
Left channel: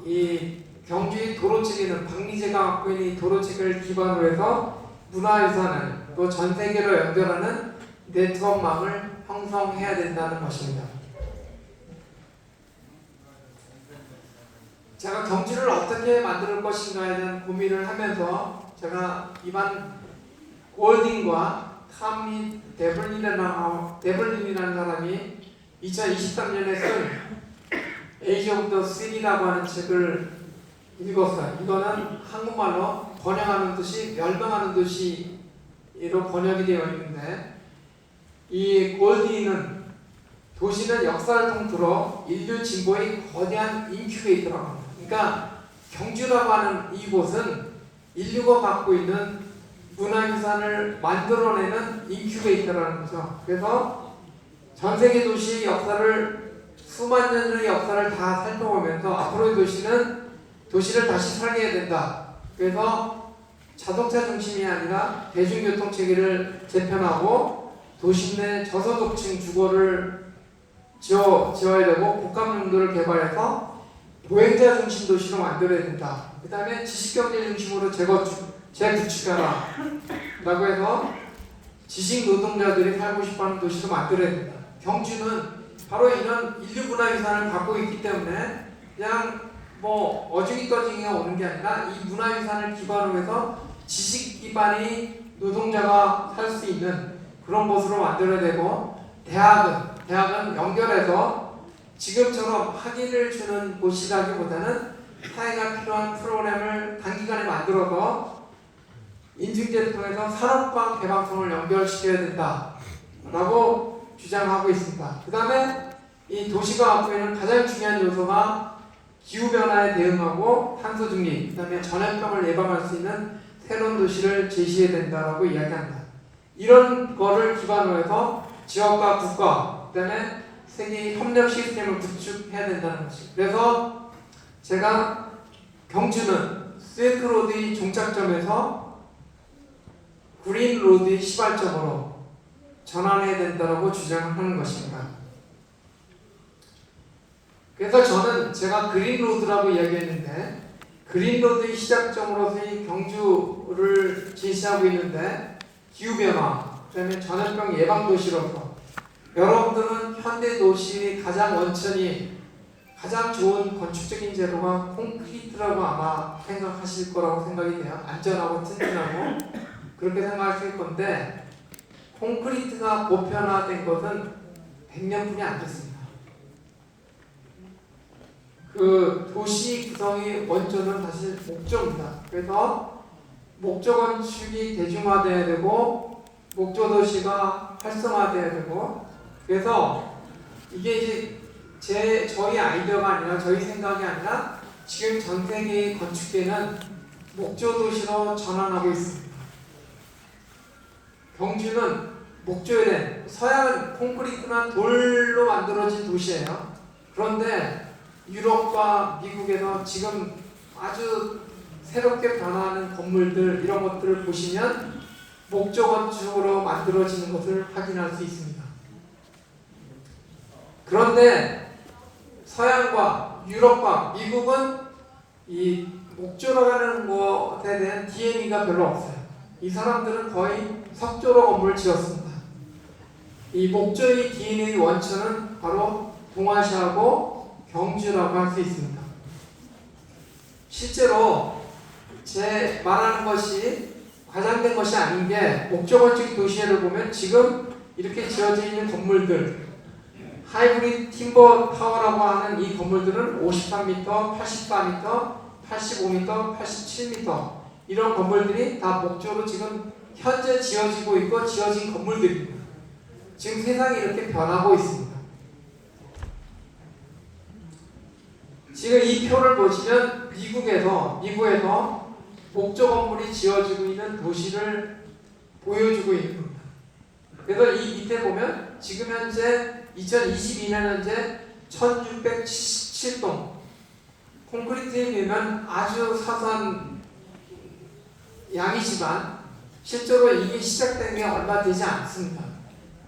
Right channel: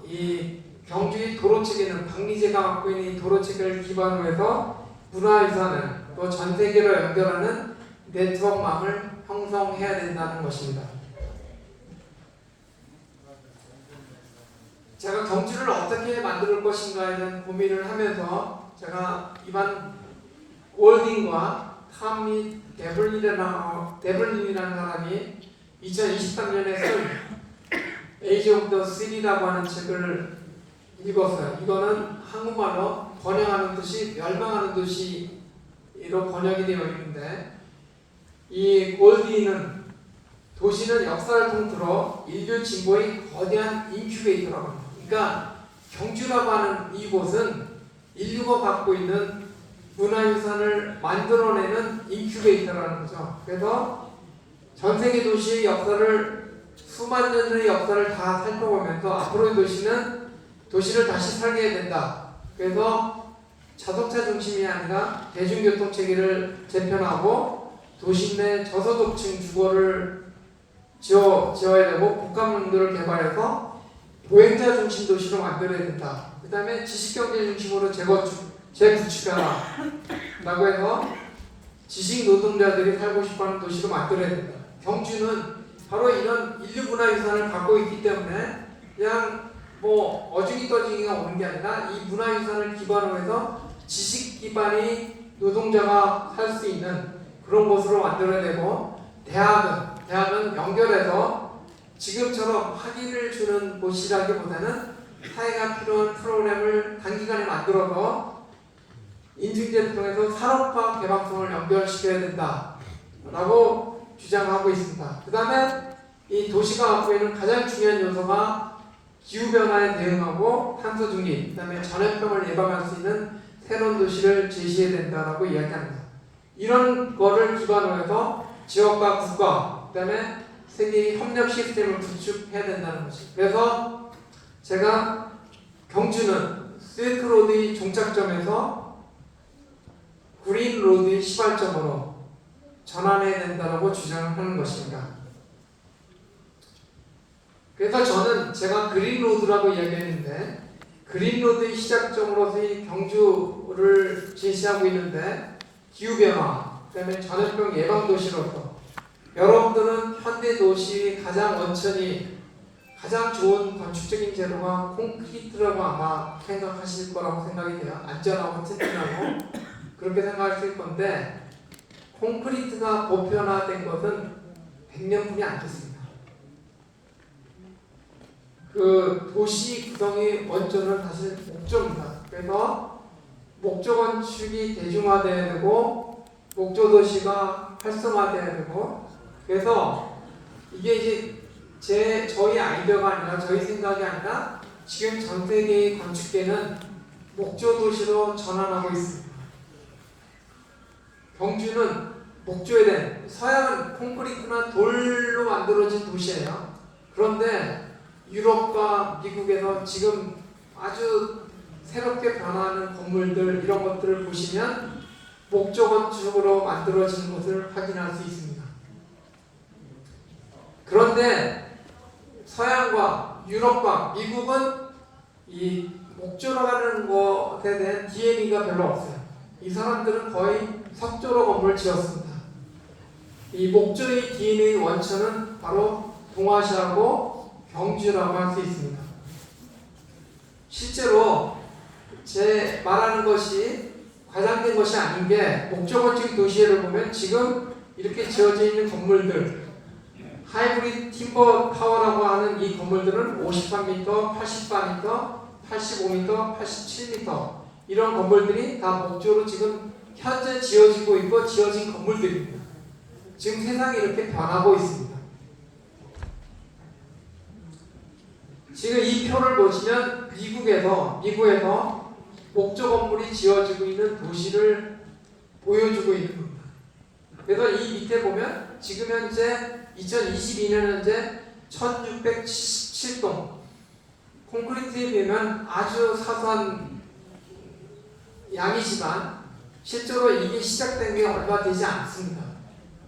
이 경주의 도로체계는 박리제가 갖고 있는 이 도로체계를 기반으로 해서 문화유산을 또 전 세계로 연결하는 네트워크망을 형성해야 된다는 것입니다. 제가 경주를 어떻게 만들 것인가에 대한 고민을 하면서 제가 이반 골딩과 탐미 데블린이라는 사람이 2023년에 쓴 에이지 오브 더 시리라고 하는 책을 읽었어요. 이거는 한국말로 번영하는 도시, 멸망하는 도시로 번역이 되어 있는데 이 골디는 도시는 역사를 통틀어 인류 진보의 거대한 인큐베이터라고 합니다. 그러니까 경주라고 하는 이곳은 인류가 갖고 있는 문화유산을 만들어내는 인큐베이터라는 거죠. 그래서 전 세계 도시의 역사를 수만 년의 역사를 다 살펴보면서 앞으로의 도시를 다시 살려야 된다. 그래서 자동차 중심이 아니라 대중교통 체계를 재편하고 도시 내 저소득층 주거를 지어야 되고 복합용도를 개발해서 보행자 중심 도시로 만들어야 된다. 그 다음에 지식경제 중심으로 재구축하라 라고 해서 지식 노동자들이 살고 싶어하는 도시로 만들어야 된다. 경주는 바로 이런 인류 문화유산을 갖고 있기 때문에 그냥 뭐 어중이 떠중이가 오는 게 아니라 이 문화유산을 기반으로 해서 지식 기반의 노동자가 살 수 있는 그런 곳으로 만들어야 되고, 대학은 연결해서 지금처럼 학위를 주는 곳이라기보다는 사회가 필요한 프로그램을 단기간에 만들어서 인증제를 통해서 산업과 개방성을 연결시켜야 된다라고 주장하고 있습니다. 그 다음에 이 도시가 갖고 있는 가장 중요한 요소가 기후변화에 대응하고 탄소 중립, 그 다음에 전염병을 예방할 수 있는 새로운 도시를 제시해야 된다라고 이야기합니다. 이런 거를 기반으로 해서 지역과 국가, 그 다음에 세계의 협력 시스템을 구축해야 된다는 것이죠. 그래서 제가 경주는 실크로드의 종착점에서 그린로드의 시발점으로 전환해야 된다고 주장하는 것입니다. 그래서 저는 제가 그린로드라고 이야기했는데 그린로드의 시작점으로서의 경주를 제시하고 있는데 기후변화, 그 다음에 전염병 예방도시로서 여러분들은 현대도시의 가장 원천이 가장 좋은 건축적인 재료가 콘크리트라고 아마 생각하실 거라고 생각이 돼요. 안전하고 튼튼하고 그렇게 생각하실 건데 콘크리트가 보편화된 것은 100년뿐이 안 됐습니다. 그 도시 구성의 원조는 사실 목조입니다. 그래서 목조 건축이 대중화돼야 되고 목조 도시가 활성화돼야 되고, 그래서 이게 이제 저희 아이디어가 아니라 저희 생각이 아니라 지금 전 세계의 건축계는 목조 도시로 전환하고 있습니다. 경주는 목조에 대한, 서양은 콘크리트나 돌로 만들어진 도시예요. 그런데 유럽과 미국에서 지금 아주 새롭게 변화하는 건물들, 이런 것들을 보시면 목조 건축으로 만들어지는 것을 확인할 수 있습니다. 그런데 서양과 유럽과 미국은 이 목조로 하는 것에 대한 DNA가 별로 없어요. 이 사람들은 거의 석조로 건물을 지었습니다. 이 목조의 DNA 원천은 바로 동아시아고 경주라고 할 수 있습니다. 실제로 제 말하는 것이 과장된 것이 아닌 게 목조 건축 도시를 보면 지금 이렇게 지어져 있는 건물들, 하이브리드 팀버 타워라고 하는 이 건물들은 53m, 84m, 85m, 87m 이런 건물들이 다 목조로 지금 현재 지어지고 있고 지어진 건물들입니다. 지금 세상이 이렇게 변하고 있습니다. 지금 이 표를 보시면 미국에서 목조 건물이 지어지고 있는 도시를 보여주고 있는 겁니다. 그래서 이 밑에 보면 지금 현재 2022년 현재 1677동, 콘크리트에 비하면 아주 사소한 양이지만 실제로 이게 시작된 게 얼마 되지 않습니다.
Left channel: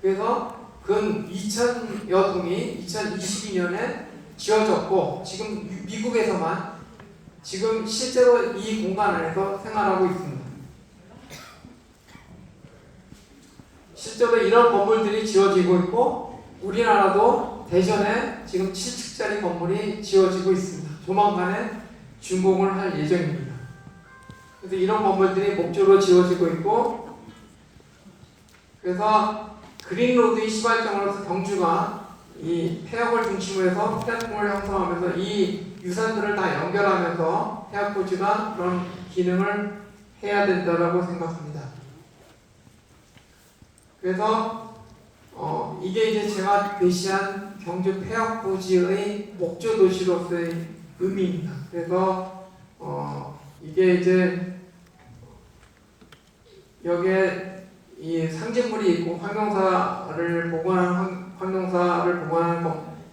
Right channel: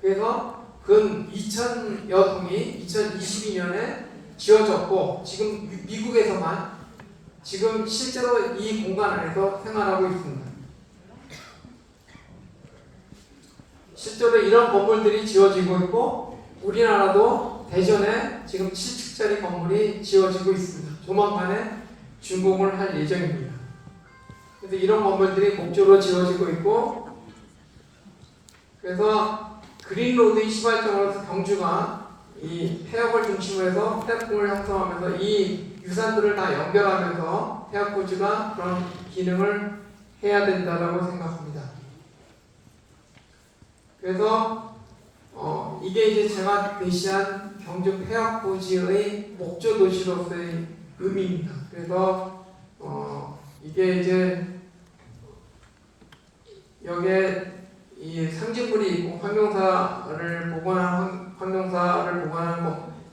그래서 근 2000여 동이 2022년에 지어졌고 지금 미국에서만 지금 실제로 이 공간 안에서 생활하고 있습니다. 실제로 이런 건물들이 지어지고 있고 우리나라도 대전에 지금 7층짜리 건물이 지어지고 있습니다. 조만간에 준공을 할 예정입니다. 그래서 이런 건물들이 목조로 지어지고 있고, 그래서 그린로드의 시발점으로서 경주가 이 폐역을 중심으로 해서 폐역공을 형성하면서 이 유산들을 다 연결하면서 폐역고지가 그런 기능을 해야 된다고 생각합니다. 그래서 이게 이제 제가 제시한 경주 폐학부지의 목조 도시로서의 의미입니다. 그래서 이게 이제 여기에 이 상징물이 있고 환경사를 보관하는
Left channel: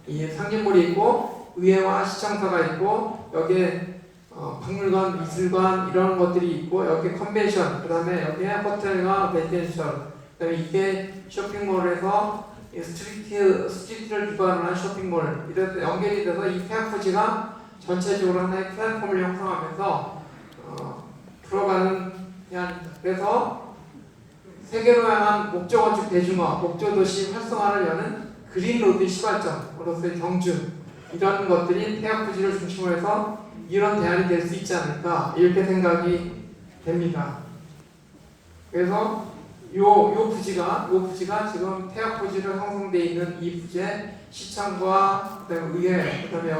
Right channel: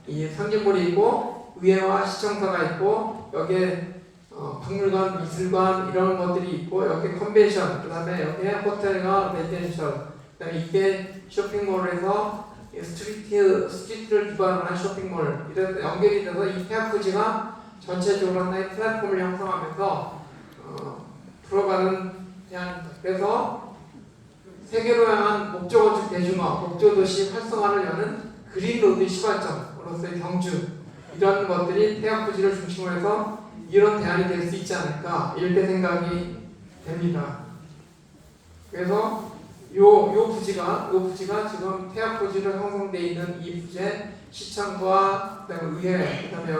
이 상징물이 있고 의회와 시청사가 있고 여기에 박물관, 미술관 이런 것들이 있고 여기 컨벤션, 그다음에 여기에 호텔과 레지던셜, 그다음에 이게 쇼핑몰에서 스트리트를 기반으로 한 쇼핑몰 이런 연결이 돼서 이 폐학부지가 전체적으로 하나의 플랫폼을 형성하면서 들어가는 대안입니다. 그래서 세계로 향한 목조 건축 대중화, 목조 도시 활성화를 여는 그린로드 시발점으로서의 경주 이런 것들이 폐학부지를 중심으로 해서 이런 대안이 될 수 있지 않을까 이렇게 생각이 됩니다. 그래서 요 부지가 지금 폐학부지로 형성되어 있는 이 부지에 시청과 그다음에 의회, 그다음에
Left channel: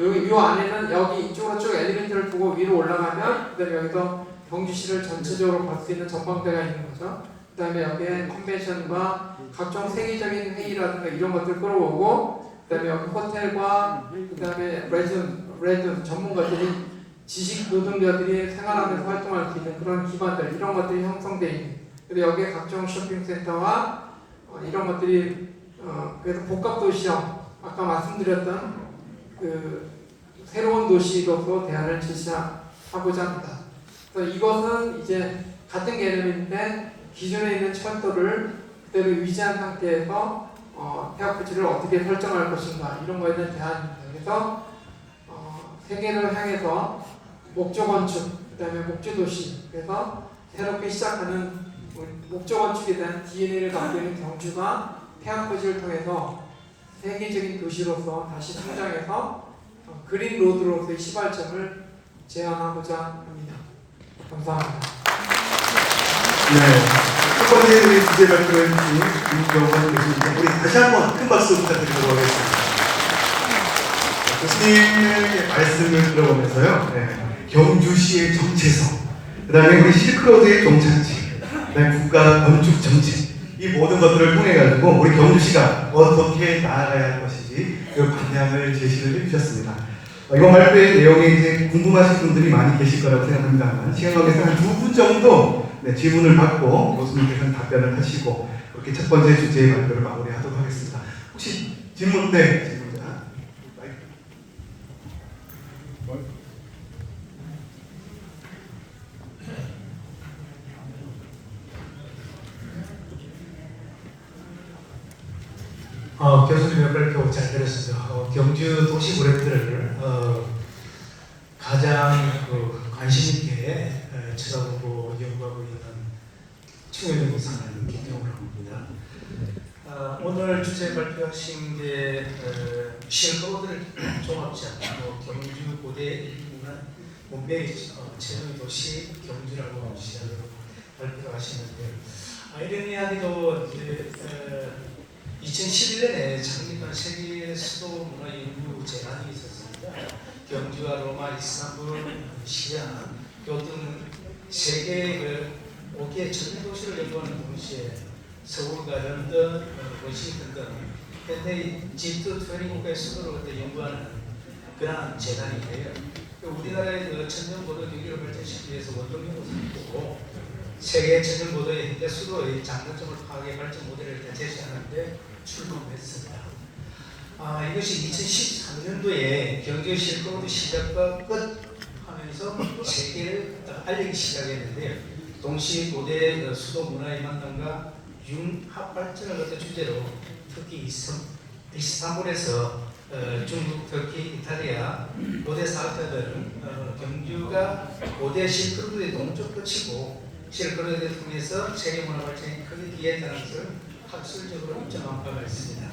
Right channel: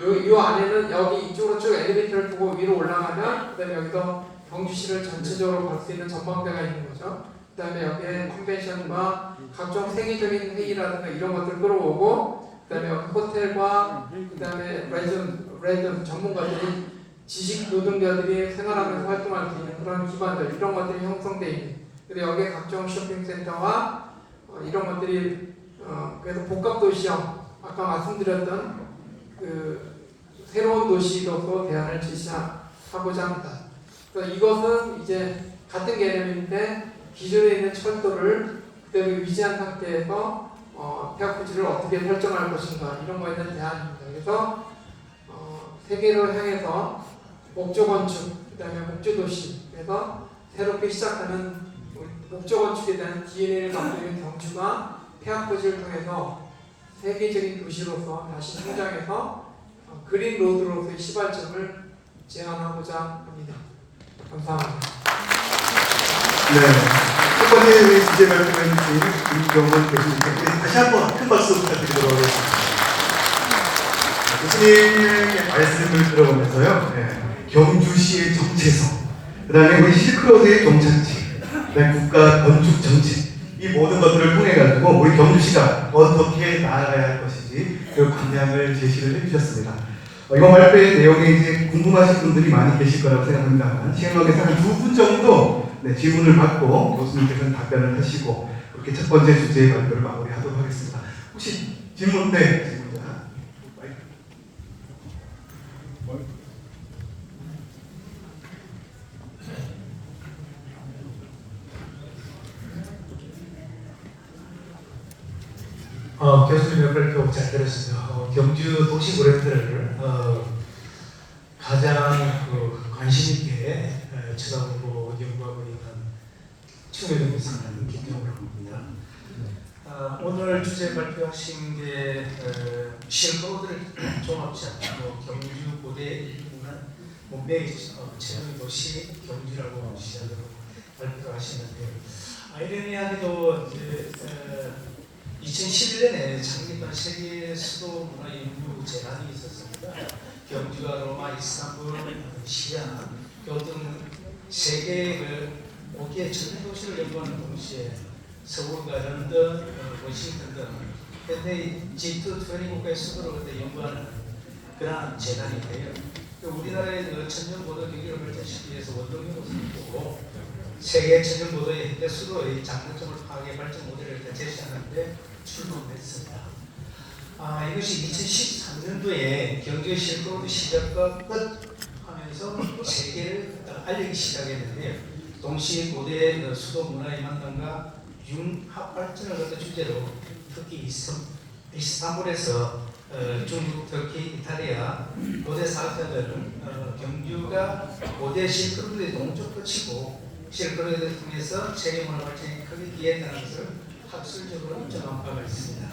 여기 요 안에는 여기 이쪽으로 쭉 엘리베이터를 보고 위로 올라가면 그다음에 여기서 경주시를 전체적으로 볼 수 있는 전망대가 있는 거죠. 그다음에 여기에 컨벤션과 각종 세계적인 회의라든가 이런 것들 끌어오고 그다음에 여기 호텔과 그다음에 레전 전문가들이 지식 노동자들이 생활하면서 활동할 수 있는 그런 기반들 이런 것들이 형성되어 있는. 그리고 여기에 각종 쇼핑센터와 이런 것들이 그래서 복합 도시형 아까 말씀드렸던 그 새로운 도시로서 대안을 제시하고자 합니다. 그래서 이것은 이제 같은 개념인데 기존에 있는 철도를 그대로 유지한 상태에서 폐학부지를 어떻게 설정할 것인가 이런 거에 대한 대안입니다. 그래서 세계를 향해서 목조 건축, 그다음에 목조 도시, 그래서 새롭게 시작하는 목조 건축에 대한 DNA를 갖고 있는 경주가 폐학부지를 통해서 세계적인 도시로서 다시 성장해서 그린 로드로서의 시발점을 제안하고자 합니다. 감사합니다. 네, 첫 번째 주제 발표해 주신 김경원 교수님, 우리 다시 한번 큰 박수 부탁드리도록 하겠습니다. 교수님의 말씀을 들어보면서요, 경주시의 정체성, 그 다음에 우리 실크로드의 종착지, 그 다음에 국가 건축 정책, 이 모든 것들을 통해 가지고 우리 경주시가 어떻게 나아가야 할 것인지 그 방향을 제시를 해주셨습니다. 이번 발표의 내용이 이제 궁금하신 분들이 많이 계실 거라고 생각합니다만 시간 관계상 한 2분 정도 질문을 받고 교수님께서는 답변을 하시고 그렇게 첫 번째 주제의 발표를 마무리하도록 하겠습니다. 혹시 질문? 네, 질문입니다. 교수님의 발표 잘 들었습니다. 경주 도시 브랜드를 가장 관심 있게 쳐다보고 연구하고 있는 충효동 이사는 김경우라고 합니다. 오늘 주제 발표하신 게 실크로드를 종합시한 경주 고대 일부는 문명의 최종 도시 경주라고 시작으로 발표를 하시는데 아이러니하게도 이제 2011년에 창립한 세계 수도 문화 연구 재단이 있었습니다. 경주와 로마, 이스탄불, 시리아, 등 세계의 5개 전 도시를 연구하는 동시에 서울과 런던, 워싱턴 등 현대 G2-20국가의 수도를 연구하는 그러한 재단인데요. 우리나라의 천연보도 경기를 발전시키기 위해서 원동력으로 삼고 세계 천연보도의 현대 수도의 장단점을 파악해 발전 모델을 제시하는데 출범했습니다. 이것이 2013년도에 경주 실크로드 시작과 끝 하면서 세계를 알리기 시작했는데요. 동시 고대 수도 문화의 만남과 융합 발전을 갖다 주제로 특히 이스탄불에서 중국, 터키, 이탈리아 고대 사학자들은 경주가 고대 실크로드의 동쪽 끝이고 실크로드를 통해서 세계 문화 발전이 크게 기여했다는 것을 학술적으로 인정한 바가 있습니다.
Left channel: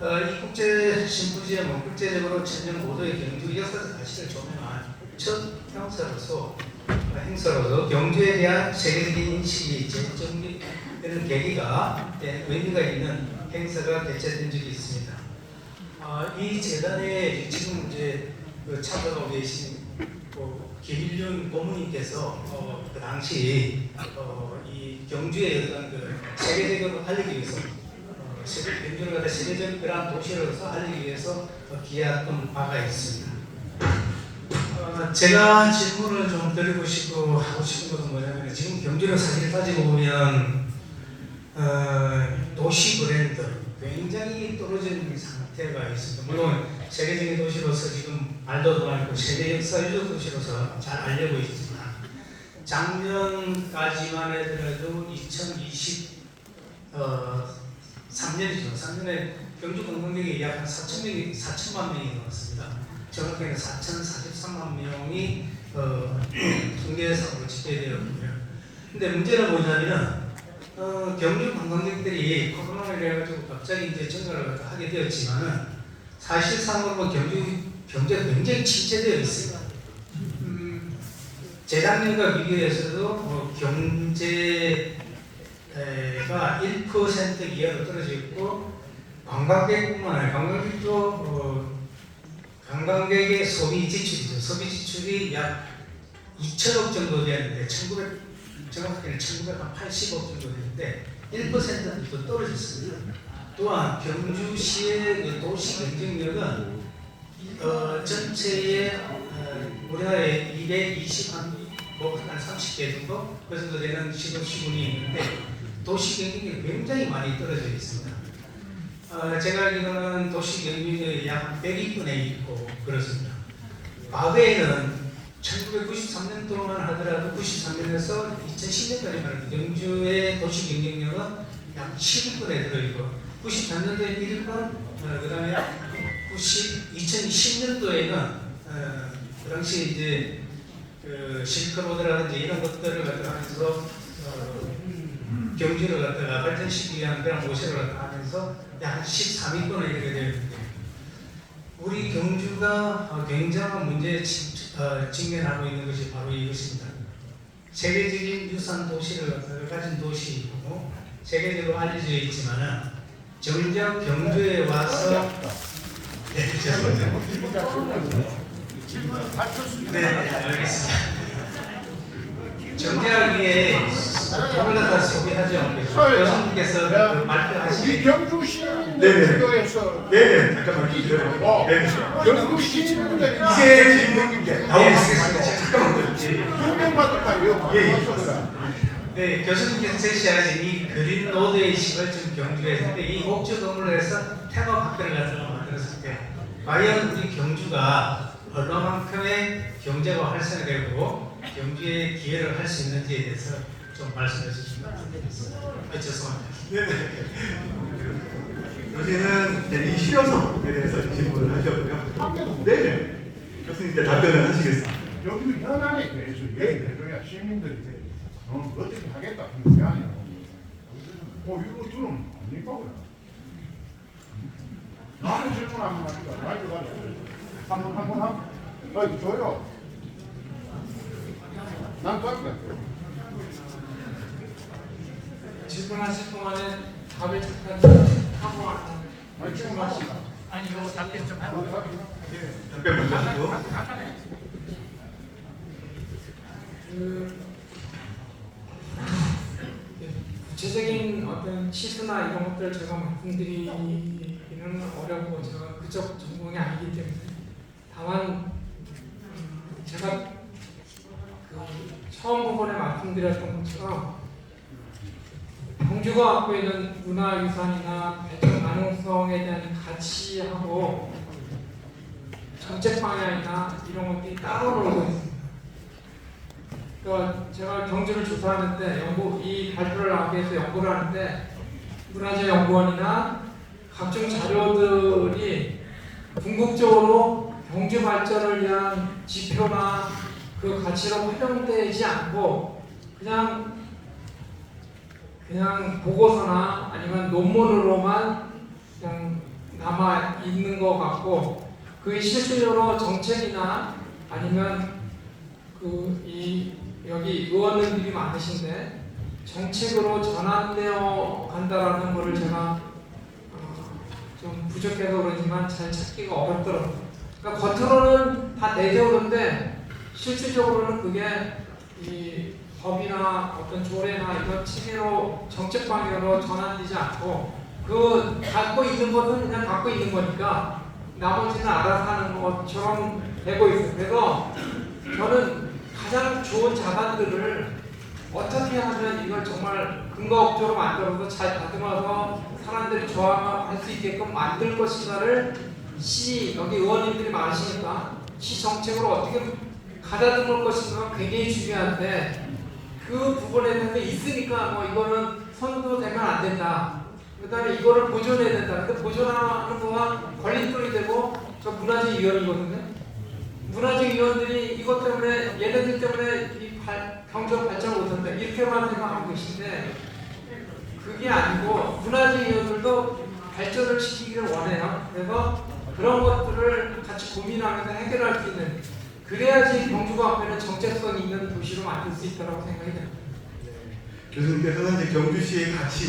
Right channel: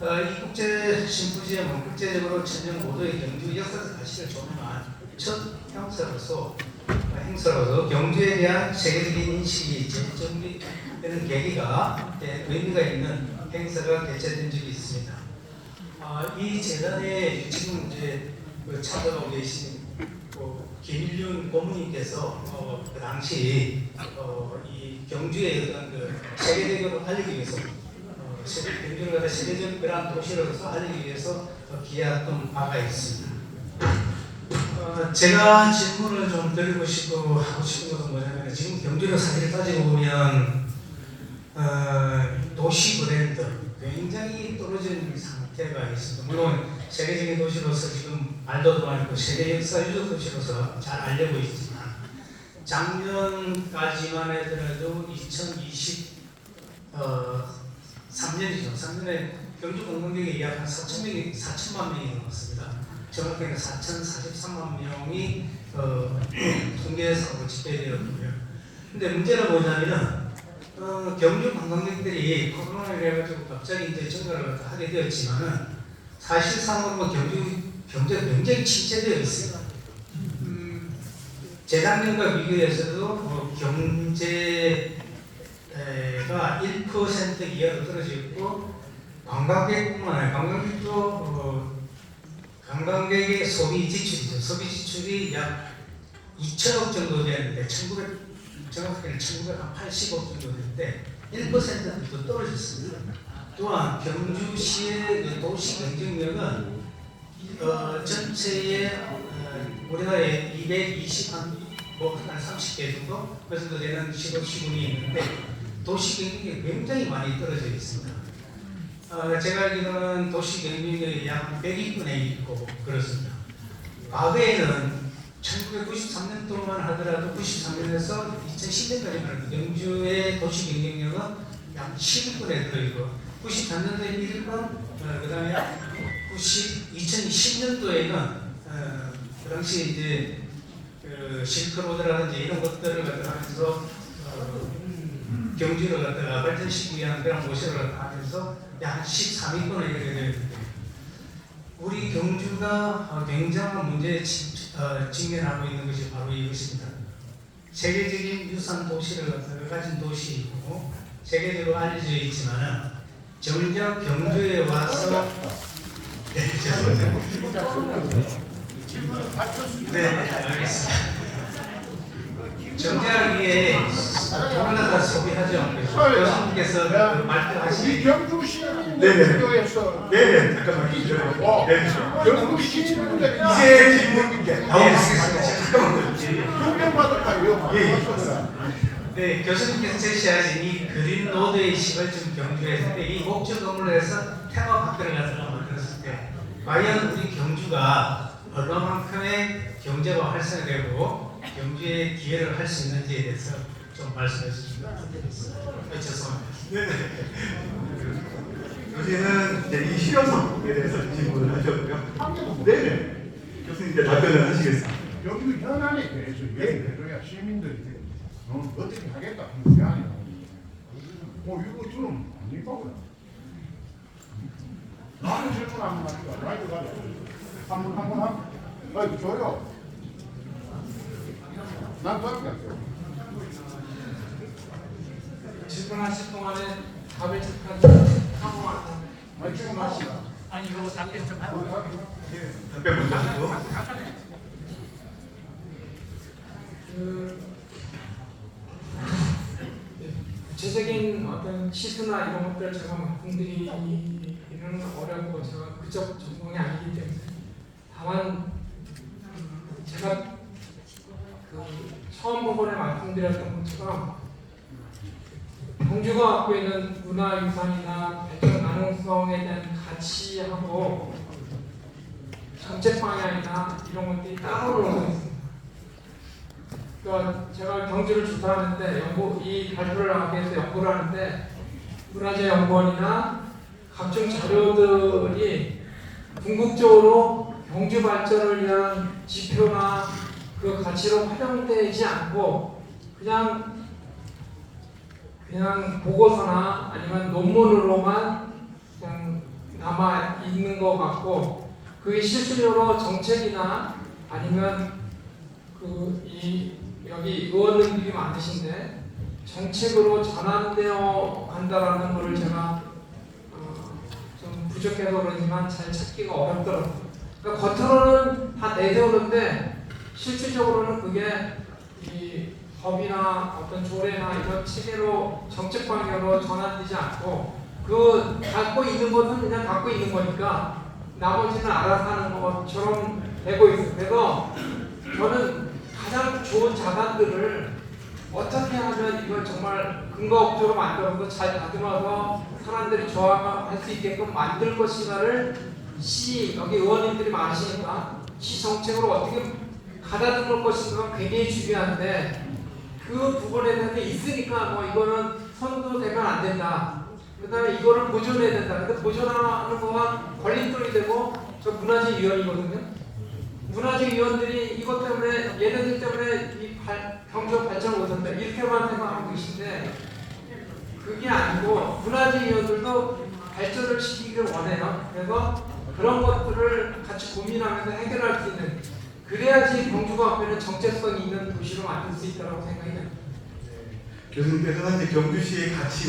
이 국제 심포지엄은 국제적으로 천년 고도의 경주 역사적 가치를 조명한 첫 행사로서 경주에 대한 세계적인 인식이 재정비되는 계기가 의미가 있는 행사가 개최된 적이 있습니다. 이 재단에 지금 이제 참석하고 계신 김일륜 고문님께서 그 당시 이 경주의 어떤 세계적으로 알리기 위해서 경주를 갖다 세계적 그런 도시로서 알리기 위해서 기약한 바가 있습니다. 제가 질문을 좀 드리고 싶고 하고 싶은 것은 뭐냐면 지금 경주를 사실 따지고 보면 도시 브랜드 굉장히 떨어지는 상태가 있습니다. 물론 세계적인 도시로서 지금 말도 많고 세계 역사유적 도시로서 잘 알려고 있지만 작년까지만 해더라도 2023년이죠. 3년에 경주 관광객이 약 한 4천만 명이 넘었습니다. 정확히는 4,043만 명이 통계상으로 집계되었고요. 근데 문제는 뭐냐면은 경주 관광객들이 코로나를 해가지고 갑자기 이제 증가를 하게 되었지만은 사실상으로 경주 경제가 굉장히 침체되어 있습니다. 재작년과 비교해서도 경제가 1% 이하로 떨어져 있고 관광객뿐만 아니라 관광객의 소비 지출이죠. 소비 지출이 약 2천억 정도 되는데 정확하게는 1980억 정도 되는데 1%도 떨어졌습니다. 또한 경주시의 도시 경쟁력은 전체의 우리나라에 220한 30개 정도 그 정도 되는 시군이 있는데 도시 경쟁력이 굉장히 많이 떨어져 있습니다. 제가 알기로는 도시 경쟁력이 약 100위권에 있고 그렇습니다. 과거에는 1993년도만 하더라도 93년에서 2010년까지만 경주의 도시 경쟁력은 약 10위권에 들어있고 93년도에 1위권, 그 다음에 2010년도에는 그 당시 이제 실크로드라든지 이런 것들을 갖다가 하면서 경주를 갖다가 발전시키기 위한 그런 모색을 갖다가 하면서 약 13위권에 이르게 되었는데 우리 경주가 굉장한 문제에 직면하고 있는 것이 바로 이것입니다. 세계적인 유산 도시를 가진 도시이고 세계적으로 알려져 있지만 정작 경주에 와서 네, 알겠습니다. 정작 이게 돈을 갖다 소비하죠. 교수님께서 말씀하신 우리 경주 시민들 네네. 교에서 네네, 잠깐만 기다려요. 네, 경주 시민들 이제 질문인데 나오겠습니다. 잠깐만요. 6명 받을까 이거 예, 예. 네, 교수님께서 제시하신 이 그린 로드의 시발점 경주에서 이 목적 건물을 해서 테마파크를 갖다가 만들었을 때 과연 우리 경주가 얼마만큼의 경제가 활성화되고 경주의 기회를 할 수 있는지에 대해서 좀 말씀해 주시면 부탁드리겠습니다. 죄송합니다. 네네. 교수님은 이제 이 실효성에 대해서 질문을 하셨고요. 네네. 교수님께 답변을 하시겠습니다. 경주 현안에 대해서 얘기해줘야 시민들이 너는 어떻게 하겠다 하는 게 아니라 이거 들으면 아닐까 그래. 나는 질문 한번 하니까 말도 한번 하고 줘요. 난 그렇게 질문하실 동안에 답을 잠깐 하고 아니 지금 하시다. 아니 이거 답변 좀 하고 답변 먼저 하시고. 구체적인 어떤 시스나 이런 것들 제가 말씀드리기는 어려고 제가 그쪽 전공이 아니기 때문에 다만 제가 처음 부분에 말씀드렸던 것처럼 경주가 갖고 있는 문화유산이나 발전 가능성에 대한 가치하고 정책 방향이나 이런 것들이 따로 놀고 있습니다. 그러니까 제가 경주를 조사하는데 이 발표를 하기 위해서 연구를 하는데 문화재연구원이나 각종 자료들이 궁극적으로 경주 발전을 위한 지표나 그 가치로 활용되지 않고 그냥 보고서나 아니면 논문으로만 그냥 남아 있는 것 같고 그게 실질적으로 정책이나 아니면 여기 의원들이 많으신데 정책으로 전환되어 간다라는 것을 제가 좀 부족해서 그렇지만 잘 찾기가 어렵더라고요. 그러니까 겉으로는 다 내세우는데 실질적으로는 그게 이 법이나 어떤 조례나 이런 체계로 정책 방향으로 전환되지 않고 그 갖고 있는 것은 그냥 갖고 있는 거니까 나머지는 알아서 하는 것처럼 되고 있어요. 그래서 저는 가장 좋은 자산들을 어떻게 하면 이걸 정말 근거업적으로 만들어서 잘 다듬어서 사람들이 좋아할 수 있게끔 만들 것인가를 여기 의원님들이 많으시니까 시 정책으로 어떻게 가다듬을 것인가 굉장히 중요한데 그 부분에 대해서 있으니까 뭐 이거는 선도되면 안 된다. 그 다음에 이거를 보존해야 된다. 근데 보존하는 동안 걸림돌이 되고 저 문화재위원이거든요. 문화재위원들이 이것 때문에 얘네들 때문에 이 경제가 발전을 못한다. 이렇게만 생각하고 계신데 그게 아니고 문화재위원들도 발전을 시키기를 원해요. 그래서 그런 것들을 같이 고민하면서 해결할 수 있는 그래야지 경주가 앞에는 정체성 있는 도시로 만들 수 있다고 생각이 됩니다. 교수님께서는 이제 경주시의 가치